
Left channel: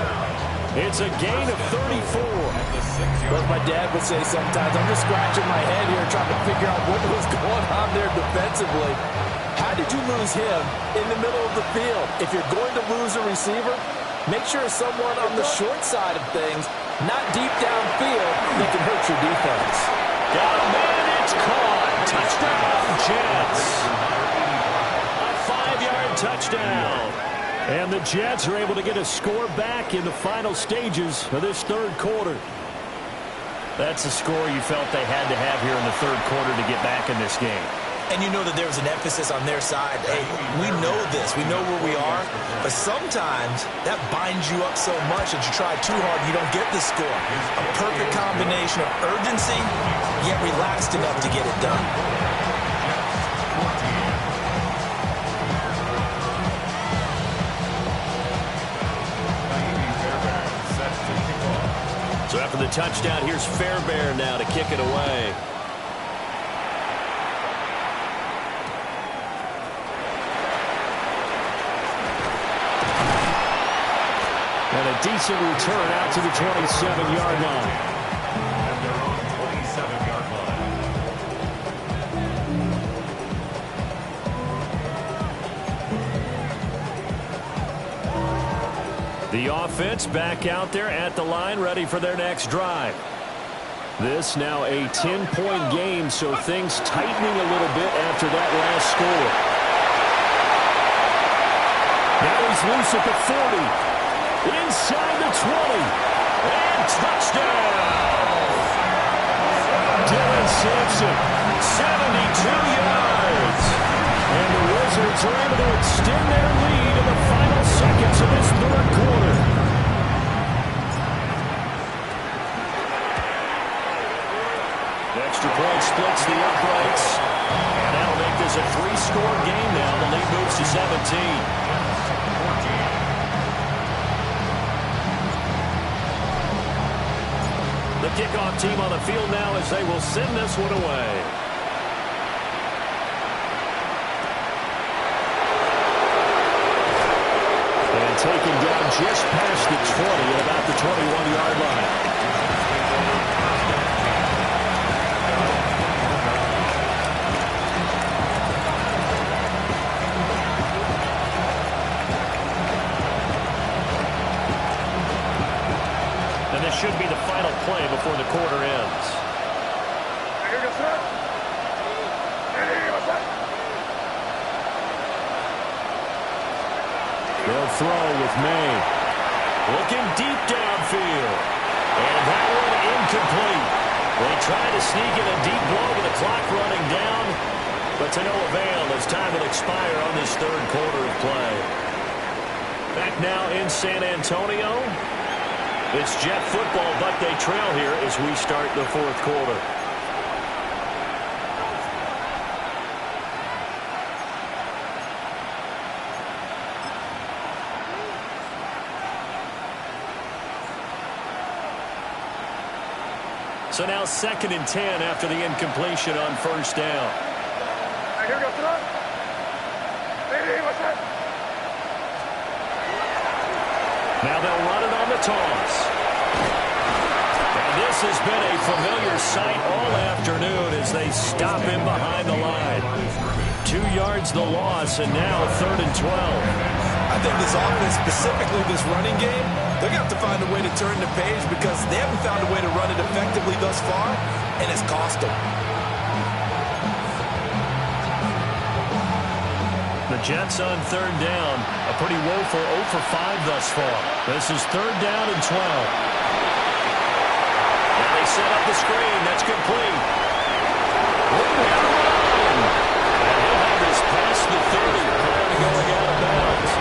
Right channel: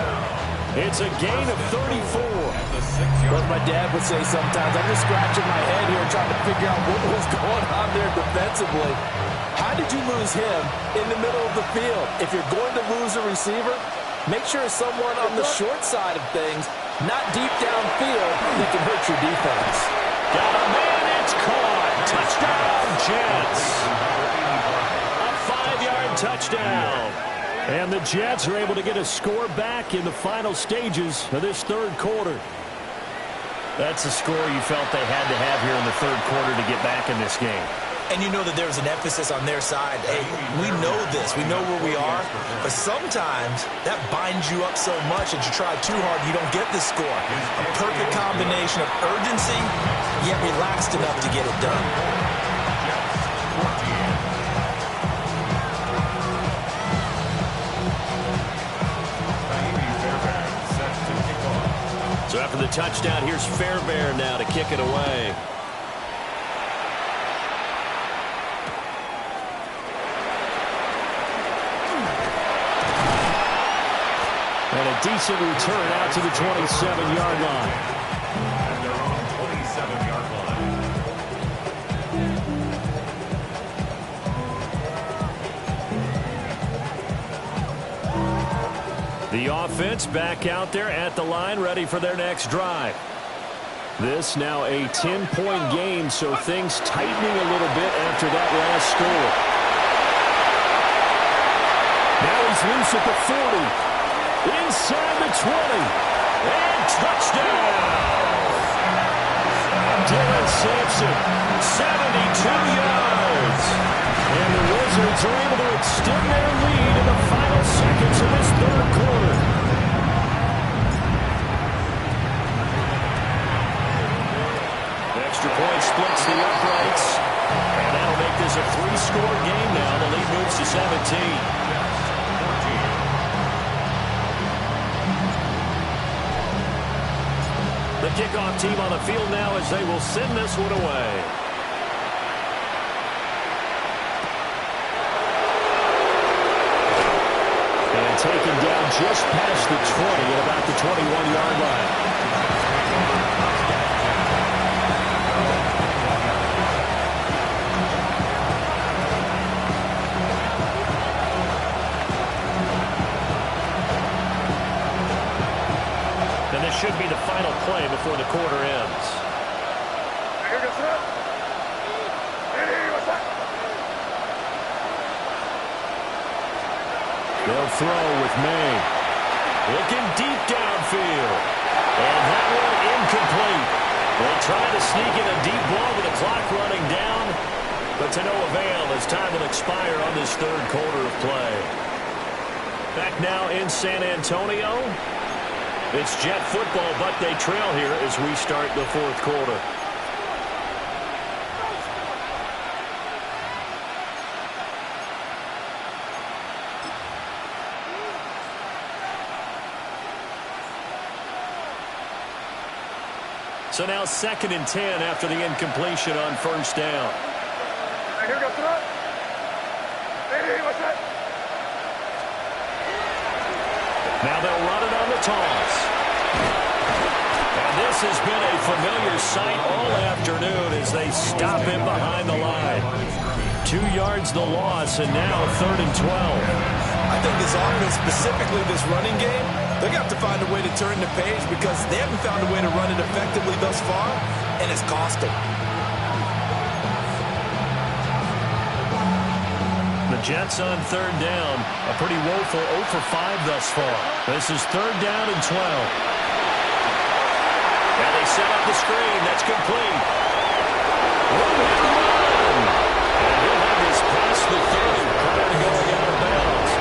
It's a gain of 34. As my dad would say sometimes, I'm just scratching my head here trying to figure out what was going on there defensively. How did you lose him in the middle of the field? If you're going to lose a receiver, make sure it's someone on the short side of things, not deep downfield, that can hurt your defense. Got a man, it's caught. Touchdown, Jets. A 5-yard touchdown. And the Jets are able to get a score back in the final stages of this third quarter. That's a score you felt they had to have here in the third quarter to get back in this game. And you know that there's an emphasis on their side. Hey, we know this. We know where we are. But sometimes that binds you up so much that you try too hard, you don't get the score. A perfect combination of urgency, yet relaxed enough to get it done. So after the touchdown, here's Fairbairn now to kick it away. And a decent return out to the 27-yard line. At their own 27-yard line. The offense back out there at the line, ready for their next drive. This now a 10-point game, so things tightening a little bit after that last score. Now he's loose at the 40. Inside the 20. And touchdown! Dylan Sampson, 72 yards. And the Wizards are able to extend their lead in the final seconds of this third quarter. Extra point splits the uprights. And that'll make this a 3-score game now. The lead moves to 17. The kickoff team on the field now as they will send this one away. And taken down just past the 20 at about the 21-yard line. And this should be the final play before the quarter ends. They'll throw with May. Looking deep downfield. And that one incomplete. They try to sneak in a deep ball with the clock running down, but to no avail as time will expire on this third quarter of play. Back now in San Antonio. It's Jet football, but they trail here as we start the fourth quarter. So now 2nd and 10 after the incompletion on first down. Now they'll run it on the toss. And this has been a familiar sight all afternoon as they stop him behind the line. 2 yards the loss, and now 3rd and 12. I think this offense, specifically this running game, they're going to have to find a way to turn the page because they haven't found a way to run it effectively thus far, and it's cost them. The Jets on 3rd down. A pretty woeful 0 for 5 thus far. This is 3rd down and 12. And they set up the screen. That's complete. Room here to run. And he'll have this past the 30 prior to going out of bounds.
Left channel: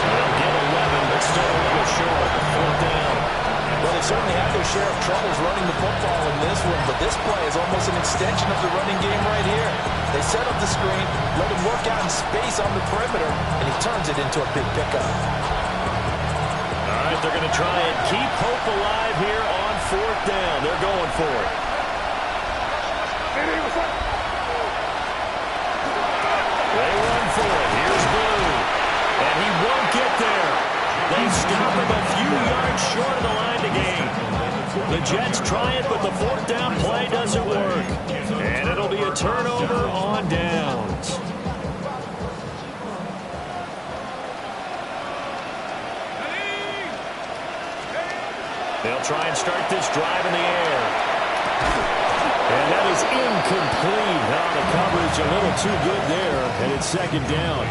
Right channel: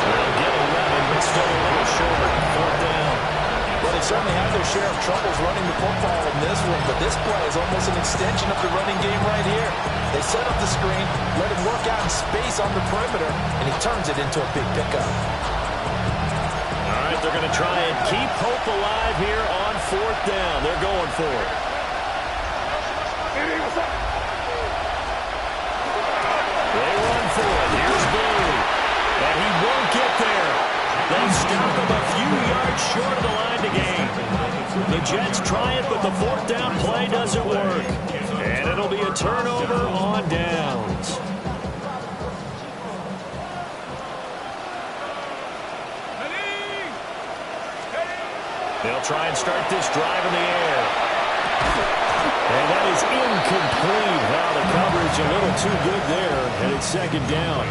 They'll get 11, but still a little short. 4th down. Well, they certainly had their share of troubles running the football in this one, but this play is almost an extension of the running game right here. They set up the screen, let him work out in space on the perimeter, and he turns it into a big pickup. All right, they're going to try and keep hope alive here on 4th down. They're going for it. They run for it. Here's Blue. And he won't get there. They stop him a few yards short of the line to gain. The Jets try it, but the fourth down play doesn't work. And it'll be a turnover on downs. They'll try and start this drive in the air. And that is incomplete. Oh, the coverage a little too good there, and it's second down.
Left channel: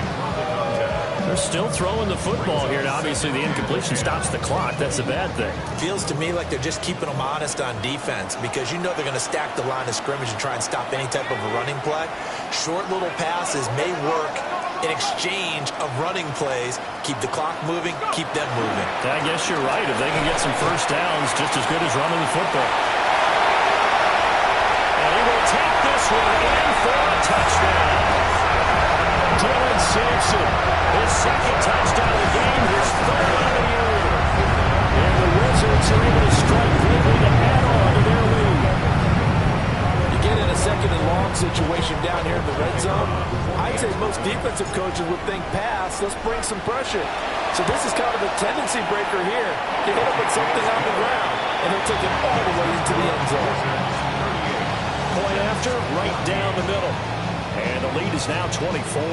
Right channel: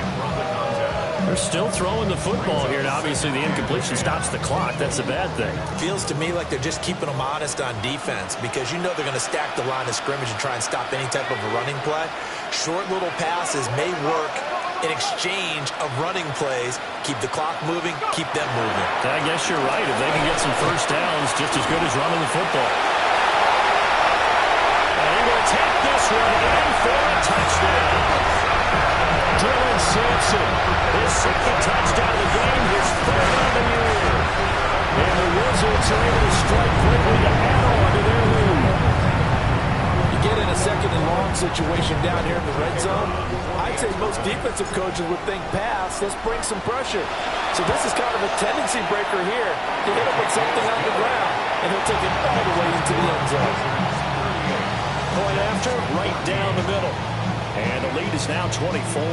They're still throwing the football here, and obviously the incompletion stops the clock. That's a bad thing. Feels to me like they're just keeping them honest on defense because you know they're going to stack the line of scrimmage and try and stop any type of a running play. Short little passes may work in exchange of running plays. Keep the clock moving, keep them moving. I guess you're right. If they can get some first downs, just as good as running the football. And he will take this one in for a touchdown. Dylan Sampson, his second touchdown of the game, his third on the year. And the Wizards are able to strike quickly to add on to their lead. You get in a second and long situation down here in the red zone, I'd say most defensive coaches would think pass, let's bring some pressure. So this is kind of a tendency breaker here. You hit him with something on the ground, and he'll take it all the way into the end zone. Point after, right down the middle. And the lead is now 24.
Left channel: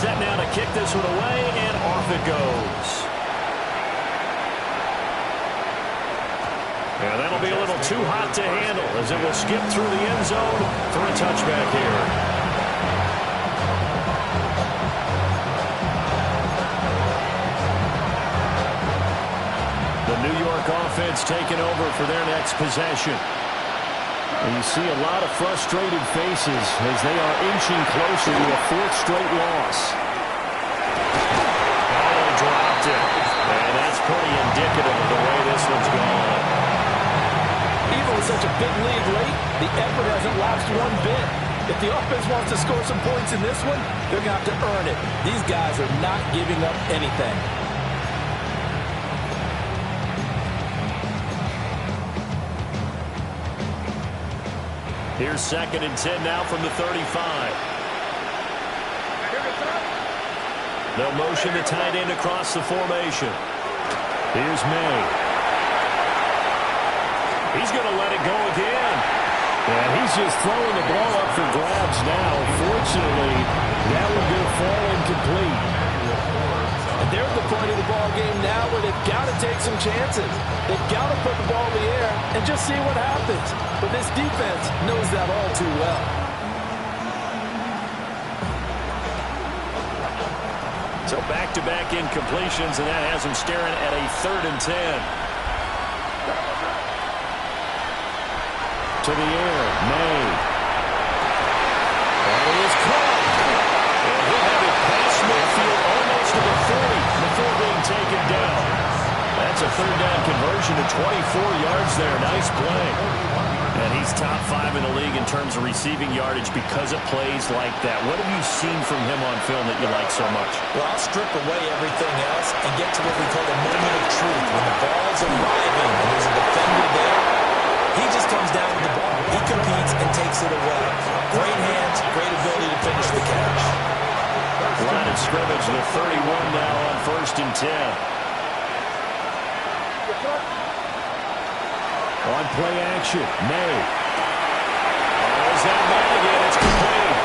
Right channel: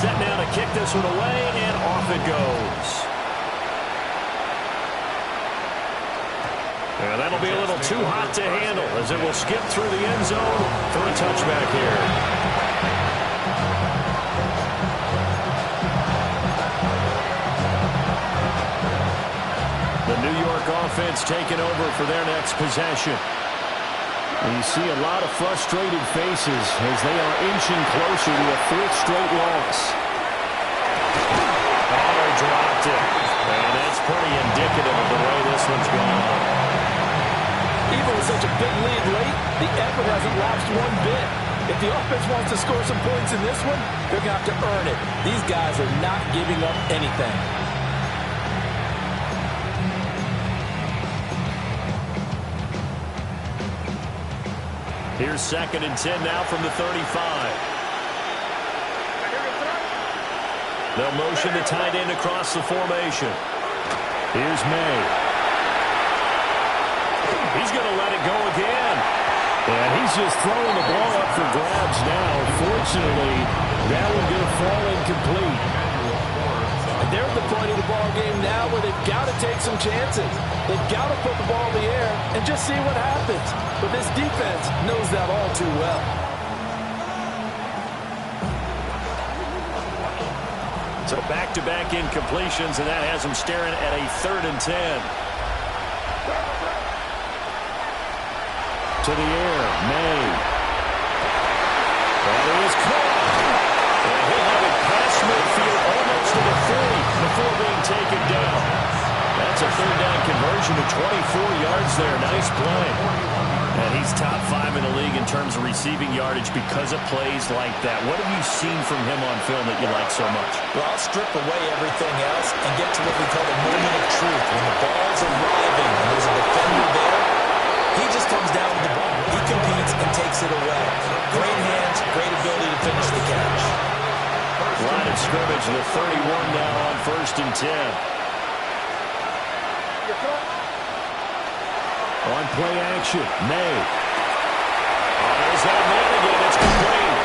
Set now to kick this one away, and off it goes. Yeah, that'll be a little too hot to handle as it will skip through the end zone for a touchback here. The New York offense taking over for their next possession. And you see a lot of frustrated faces as they are inching closer to a fourth straight loss. Oh, they dropped it. And that's pretty indicative of the way this one's gone. Even with such a big lead late, the effort hasn't lapsed one bit. If the offense wants to score some points in this one, they're going to have to earn it. These guys are not giving up anything. Here's 2nd and 10 now from the 35. They'll motion the tight end across the formation. Here's May. He's going to let it go again. And he's just throwing the ball up for grabs now. Fortunately, that one going to fall incomplete. And they're at the point of the ball game now where they've got to take some chances. They've got to put the ball in the air and just see what happens. But this defense knows that all too well. So back-to-back incompletions, and that has them staring at a 3rd and 10. To the air, May. That is caught. And he'll have it past midfield almost to the 40 before being taken down. That's a 3rd down conversion to 24 yards there. Nice play. And he's top 5 in the league in terms of receiving yardage because of plays like that. What have you seen from him on film that you like so much? Well, I'll strip away everything else and get to what we call the moment of truth. When the ball's arriving and there's a defender there, he just comes down with the ball. He competes and takes it away. Great hands, great ability to finish the catch. Line of scrimmage, the 31 now on 1st and 10. On play action, May. Oh, there's that man again. It's complete.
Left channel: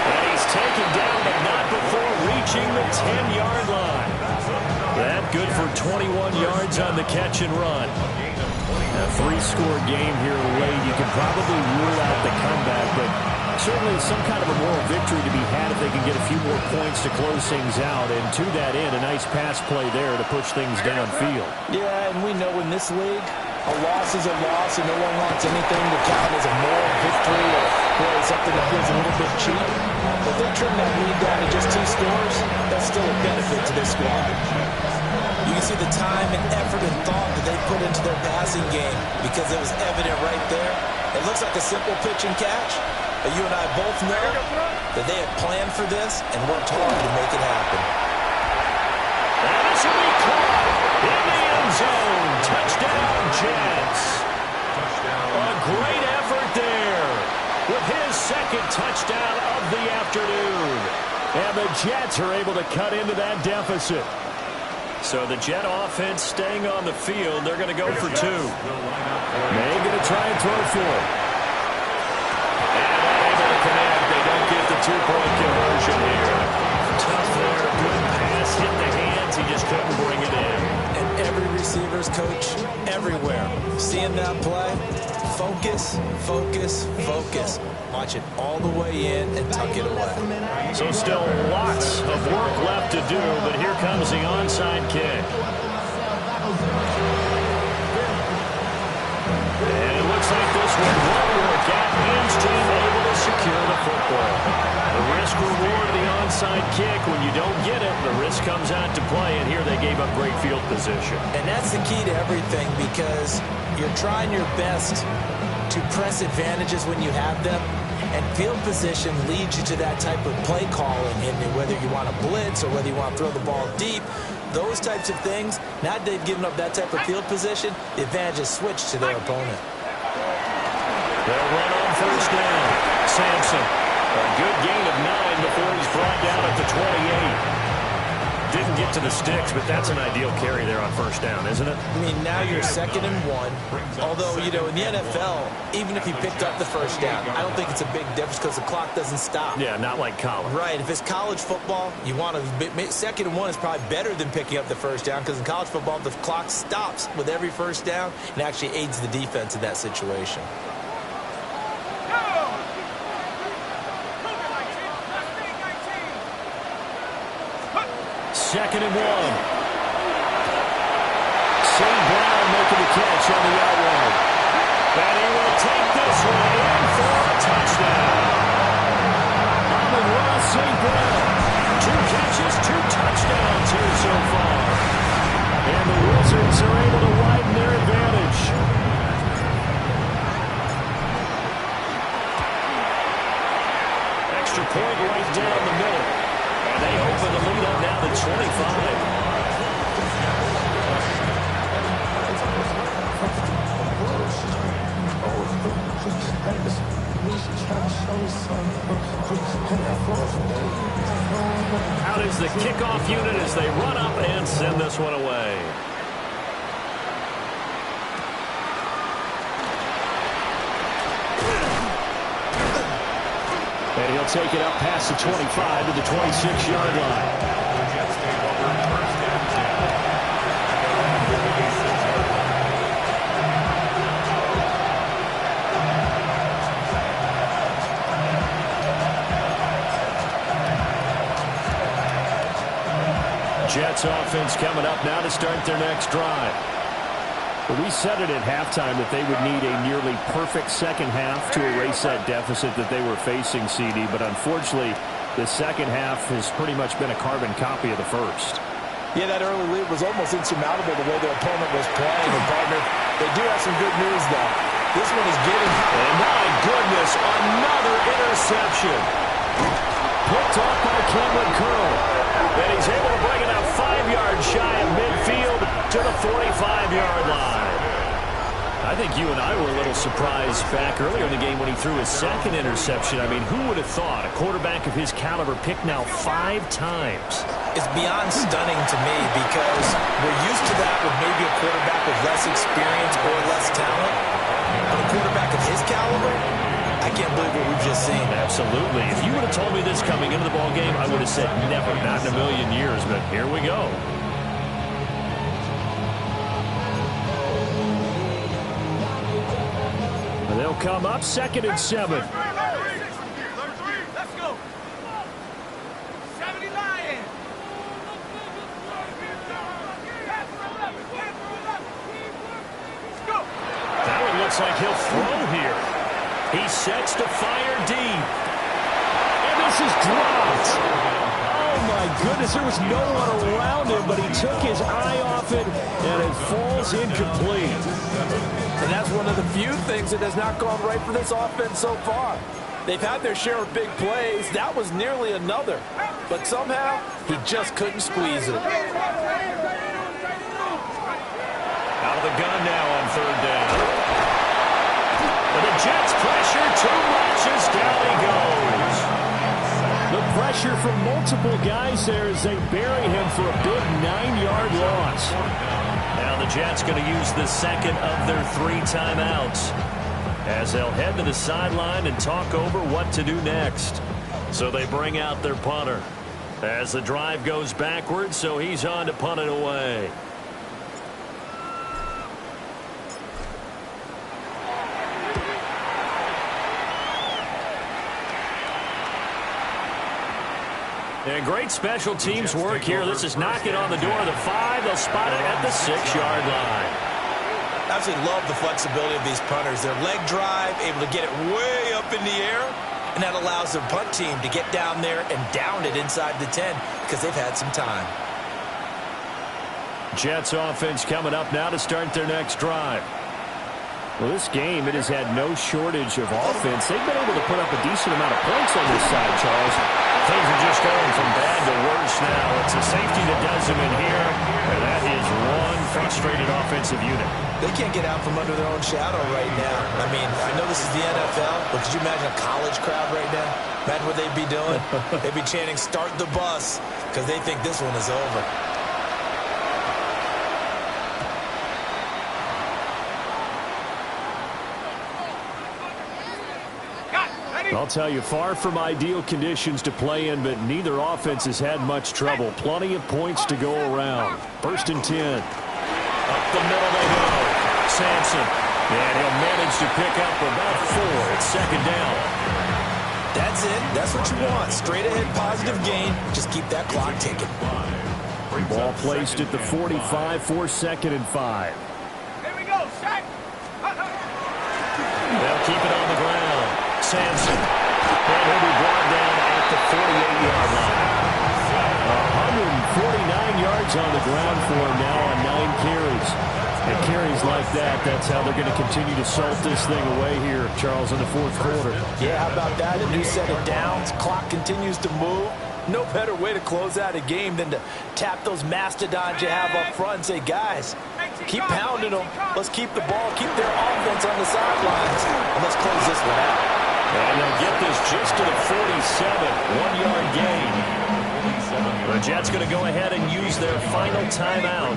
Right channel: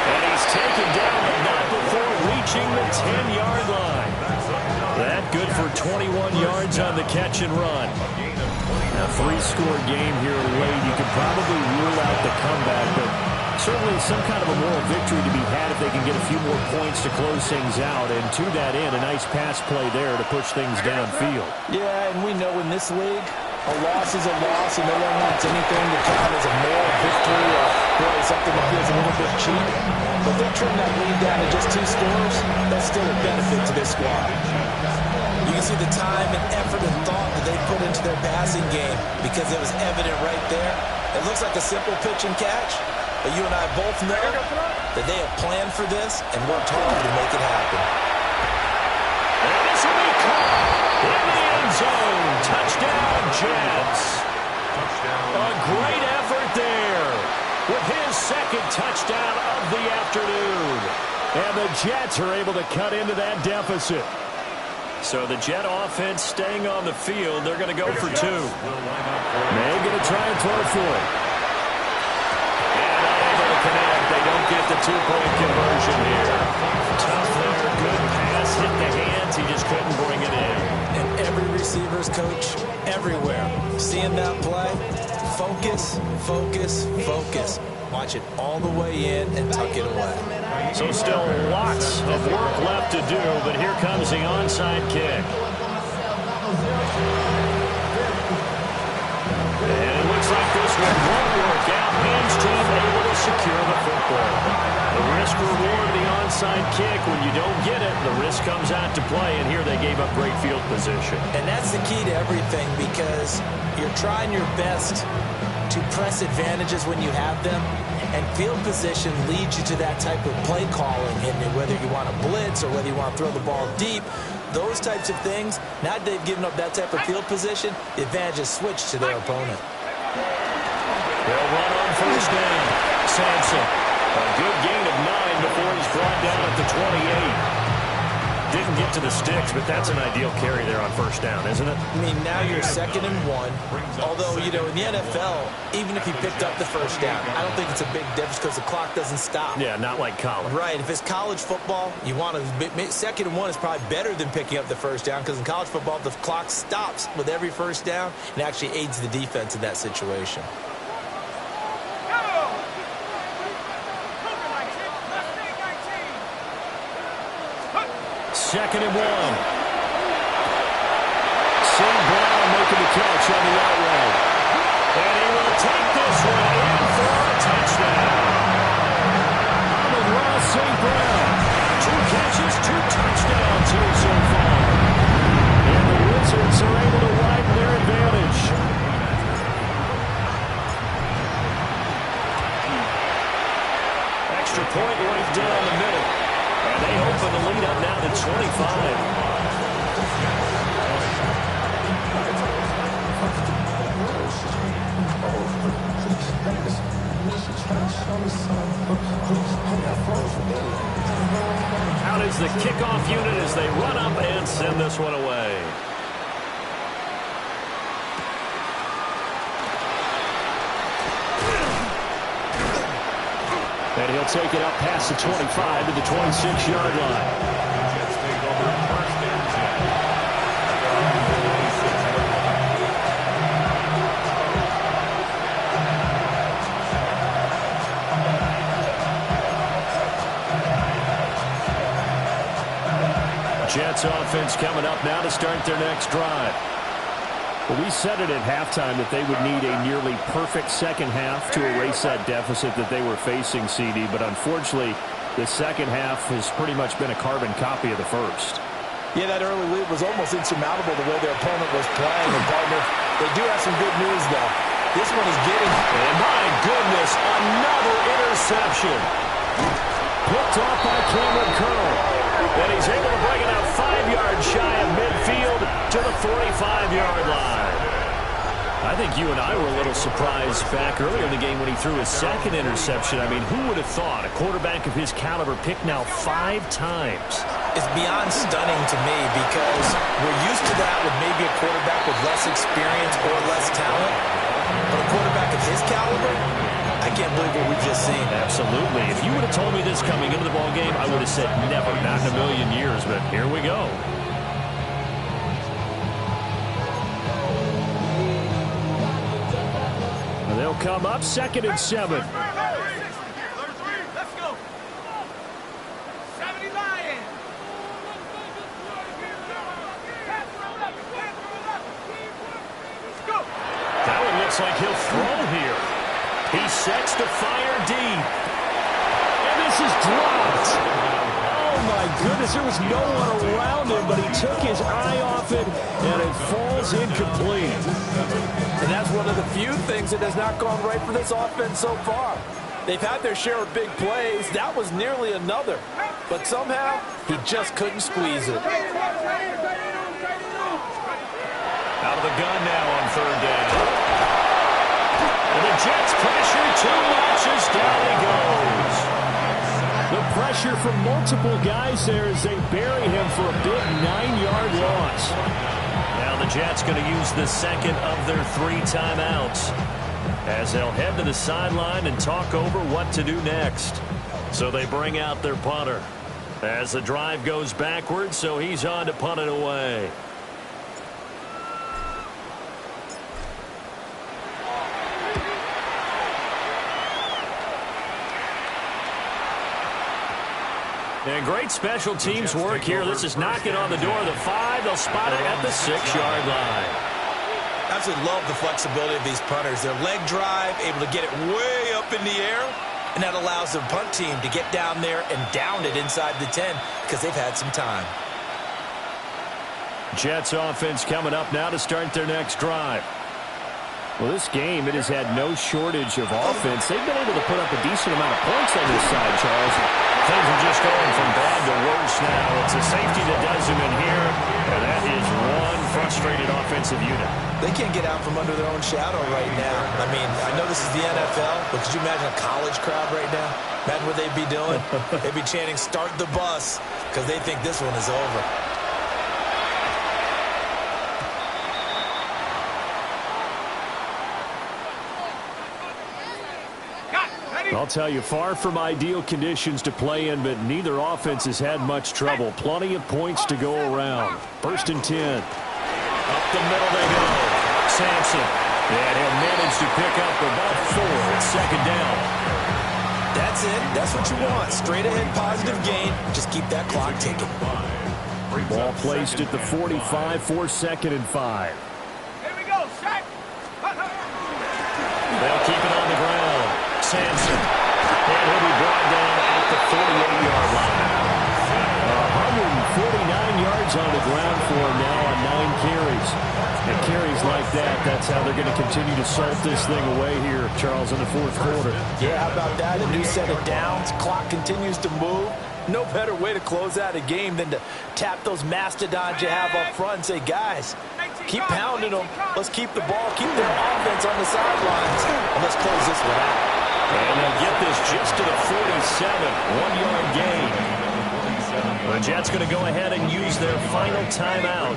And he's taken down, but not before reaching the 10-yard line. That good for 21 yards on the catch and run. A 3-score game here late. You can probably rule out the comeback, but certainly some kind of a moral victory to be had if they can get a few more points to close things out. And to that end, a nice pass play there to push things downfield. Yeah, and we know in this league, a loss is a loss, and no one wants anything to count as a moral victory or really something that feels a little bit cheap. But they trim that lead down to just 2 scores. That's still a benefit to this squad. You can see the time and effort and thought that they put into their passing game because it was evident right there. It looks like a simple pitch and catch, but you and I both know that they have planned for this and worked hard to make it happen. And this will be caught in the end zone. Touchdown, Jets. A great effort there with his second touchdown of the afternoon. And the Jets are able to cut into that deficit. So the Jet offense staying on the field. They're going to go for 2. May going to try and throw for it. And unable to connect. They don't get the 2-point conversion here. Tough there. Good pass. Hit the hands. He just couldn't bring it in. And every receiver's coach everywhere. Seeing that play, focus, focus, focus. Watch it all the way in and tuck it away. So still lots of work left to do, but here comes the onside kick. And it looks like this one won't work out. Hams team able to secure the football. The risk reward of the onside kick. When you don't get it, the risk comes out to play, and here they gave up great field position. And that's the key to everything, because you're trying your best to press advantages when you have them, and field position leads you to that type of play calling, and whether you want to blitz or whether you want to throw the ball deep, those types of things. Now that they've given up that type of field position, the advantage is switched to their opponent. They'll run on first down. Sampson, a good gain of 9 before he's brought down at the 28. Didn't get to the sticks, but that's an ideal carry there on first down, isn't it? I mean, now you're 2nd and 1. Although, you know, in the NFL, even if you picked up the first down, I don't think it's a big difference because the clock doesn't stop. Yeah, not like college. Right. If it's college football, you want to 2nd and 1 is probably better than picking up the first down, because in college football, the clock stops with every first down and actually aids the defense in that situation. 2nd and 1. St. Brown making the catch on the out route. And he will take this one in for a touchdown. Amon-Ra St. Brown. 2 catches, 2 touchdowns here so far. And the Wizards are able to widen their advantage. Extra point right down the middle. And they open the lead up now to 25. Out is the kickoff unit as they run up and send this one away. And he'll take it up past the 25 to the 26-yard line. The Jets take over 1st and 10. They're on the 26-yard line. Jets offense coming up now to start their next drive. Well, we said it at halftime that they would need a nearly perfect second half to erase that deficit that they were facing, CD. But unfortunately, the second half has pretty much been a carbon copy of the first. Yeah, that early lead was almost insurmountable the way their opponent was playing. And, partner, they do have some good news, though. This one is getting... And my goodness, another interception. Picked off by Cameron Curl. And he's able to bring it out 5 yards shy of midfield to the 45-yard line. I think you and I were a little surprised back earlier in the game when he threw his second interception. I mean, who would have thought a quarterback of his caliber picked now 5 times? It's beyond stunning to me, because we're used to that with maybe a quarterback with less experience or less talent. But a quarterback of his caliber, I can't believe what we've just seen. Absolutely. If you would have told me this coming into the ball game, I would have said never, not in a million years. But here we go. And they'll come up 2nd and 7. Let's go. 70 Lions. Let's go. That one looks like he'll throw here. He sets to fire deep. And this is dropped. Oh, my goodness. There was no one around him, but he took his eye off it, and it falls incomplete. And that's one of the few things that has not gone right for this offense so far. They've had their share of big plays. That was nearly another. But somehow, he just couldn't squeeze it. Out of the gun now on 3rd down. And the Jets pressure too much as down he goes. The pressure from multiple guys there as they bury him for a big 9-yard loss. Now the Jets going to use the second of their 3 timeouts as they'll head to the sideline and talk over what to do next. So they bring out their punter as the drive goes backwards, so he's on to punt it away. And great special teams work here. This is knocking on the door of the 5. They'll spot it at the 6-yard line. I absolutely love the flexibility of these punters. Their leg drive, able to get it way up in the air, and that allows their punt team to get down there and down it inside the 10 because they've had some time. Jets offense coming up now to start their next drive. Well, this game, it has had no shortage of offense. They've been able to put up a decent amount of points on this side, Charles. Things are just going from bad to worse now. It's a safety that does them in here, and that is one frustrated offensive unit. They can't get out from under their own shadow right now. I mean, I know this is the NFL, but could you imagine a college crowd right now? Imagine what they'd be doing. They'd be chanting, "Start the bus," because they think this one is over. I'll tell you, far from ideal conditions to play in, but neither offense has had much trouble. Plenty of points to go around. 1st and 10. Up the middle they go. Sampson. And he'll manage to pick up about 4. It's 2nd down. That's it. That's what you want. Straight ahead positive gain. Just keep that clock ticking. Ball placed at the 45 for 2nd and 5. Here we go, Shaq. They'll keep it on the ground. Sampson. And he'll be brought down at the 48-yard line. 149 yards on the ground for him now on 9 carries. And carries like that, that's how they're going to continue to salt this thing away here, Charles, in the 4th quarter. Yeah, how about that? A new set of downs. Clock continues to move. No better way to close out a game than to tap those mastodons you have up front and say, guys, keep pounding them. Let's keep the ball, keep their offense on the sidelines, and let's close this one out. And they'll get this just to the 47, 1-yard gain. The Jets going to go ahead and use their final timeout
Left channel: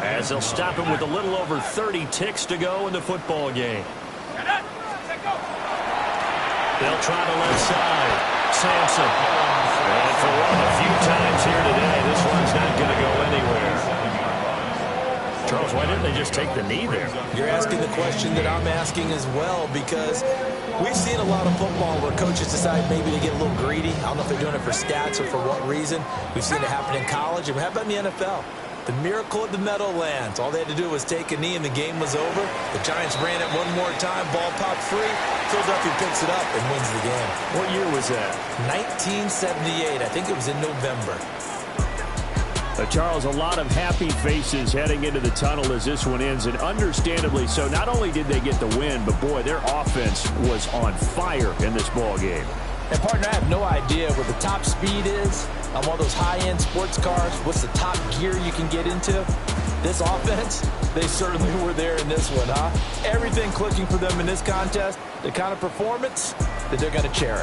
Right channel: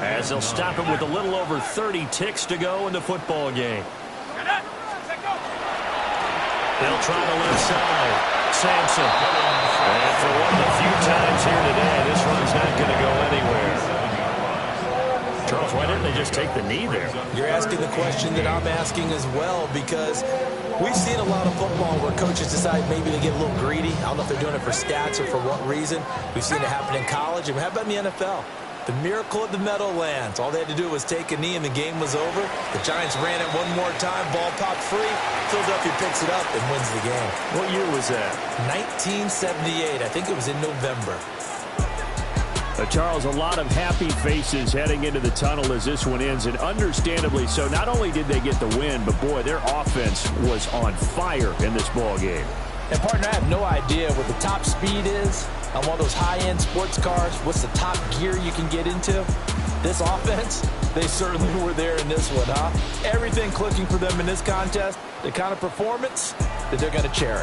as they'll stop it with a little over 30 ticks to go in the football game. They'll try the left side. Sampson. And for one of the few times here today, this run's not going to go anywhere. Charles, why didn't they just take the knee there? You're asking the question that I'm asking as well, because we've seen a lot of football where coaches decide maybe to get a little greedy. I don't know if they're doing it for stats or for what reason. We've seen it happen in college. And how about in the NFL? The miracle at the Meadowlands. All they had to do was take a knee and the game was over. The Giants ran it one more time. Ball popped free. Philadelphia picks it up and wins the game. What year was that? 1978. I think it was in November. Charles, a lot of happy faces heading into the tunnel as this one ends, and understandably so. Not only did they get the win, but boy, their offense was on fire in this ball game. And partner, I have no idea what the top speed is on one of those high-end sports cars. What's the top gear you can get into? This offense, they certainly were there in this one, huh? Everything clicking for them in this contest, the kind of performance that they're going to cherish.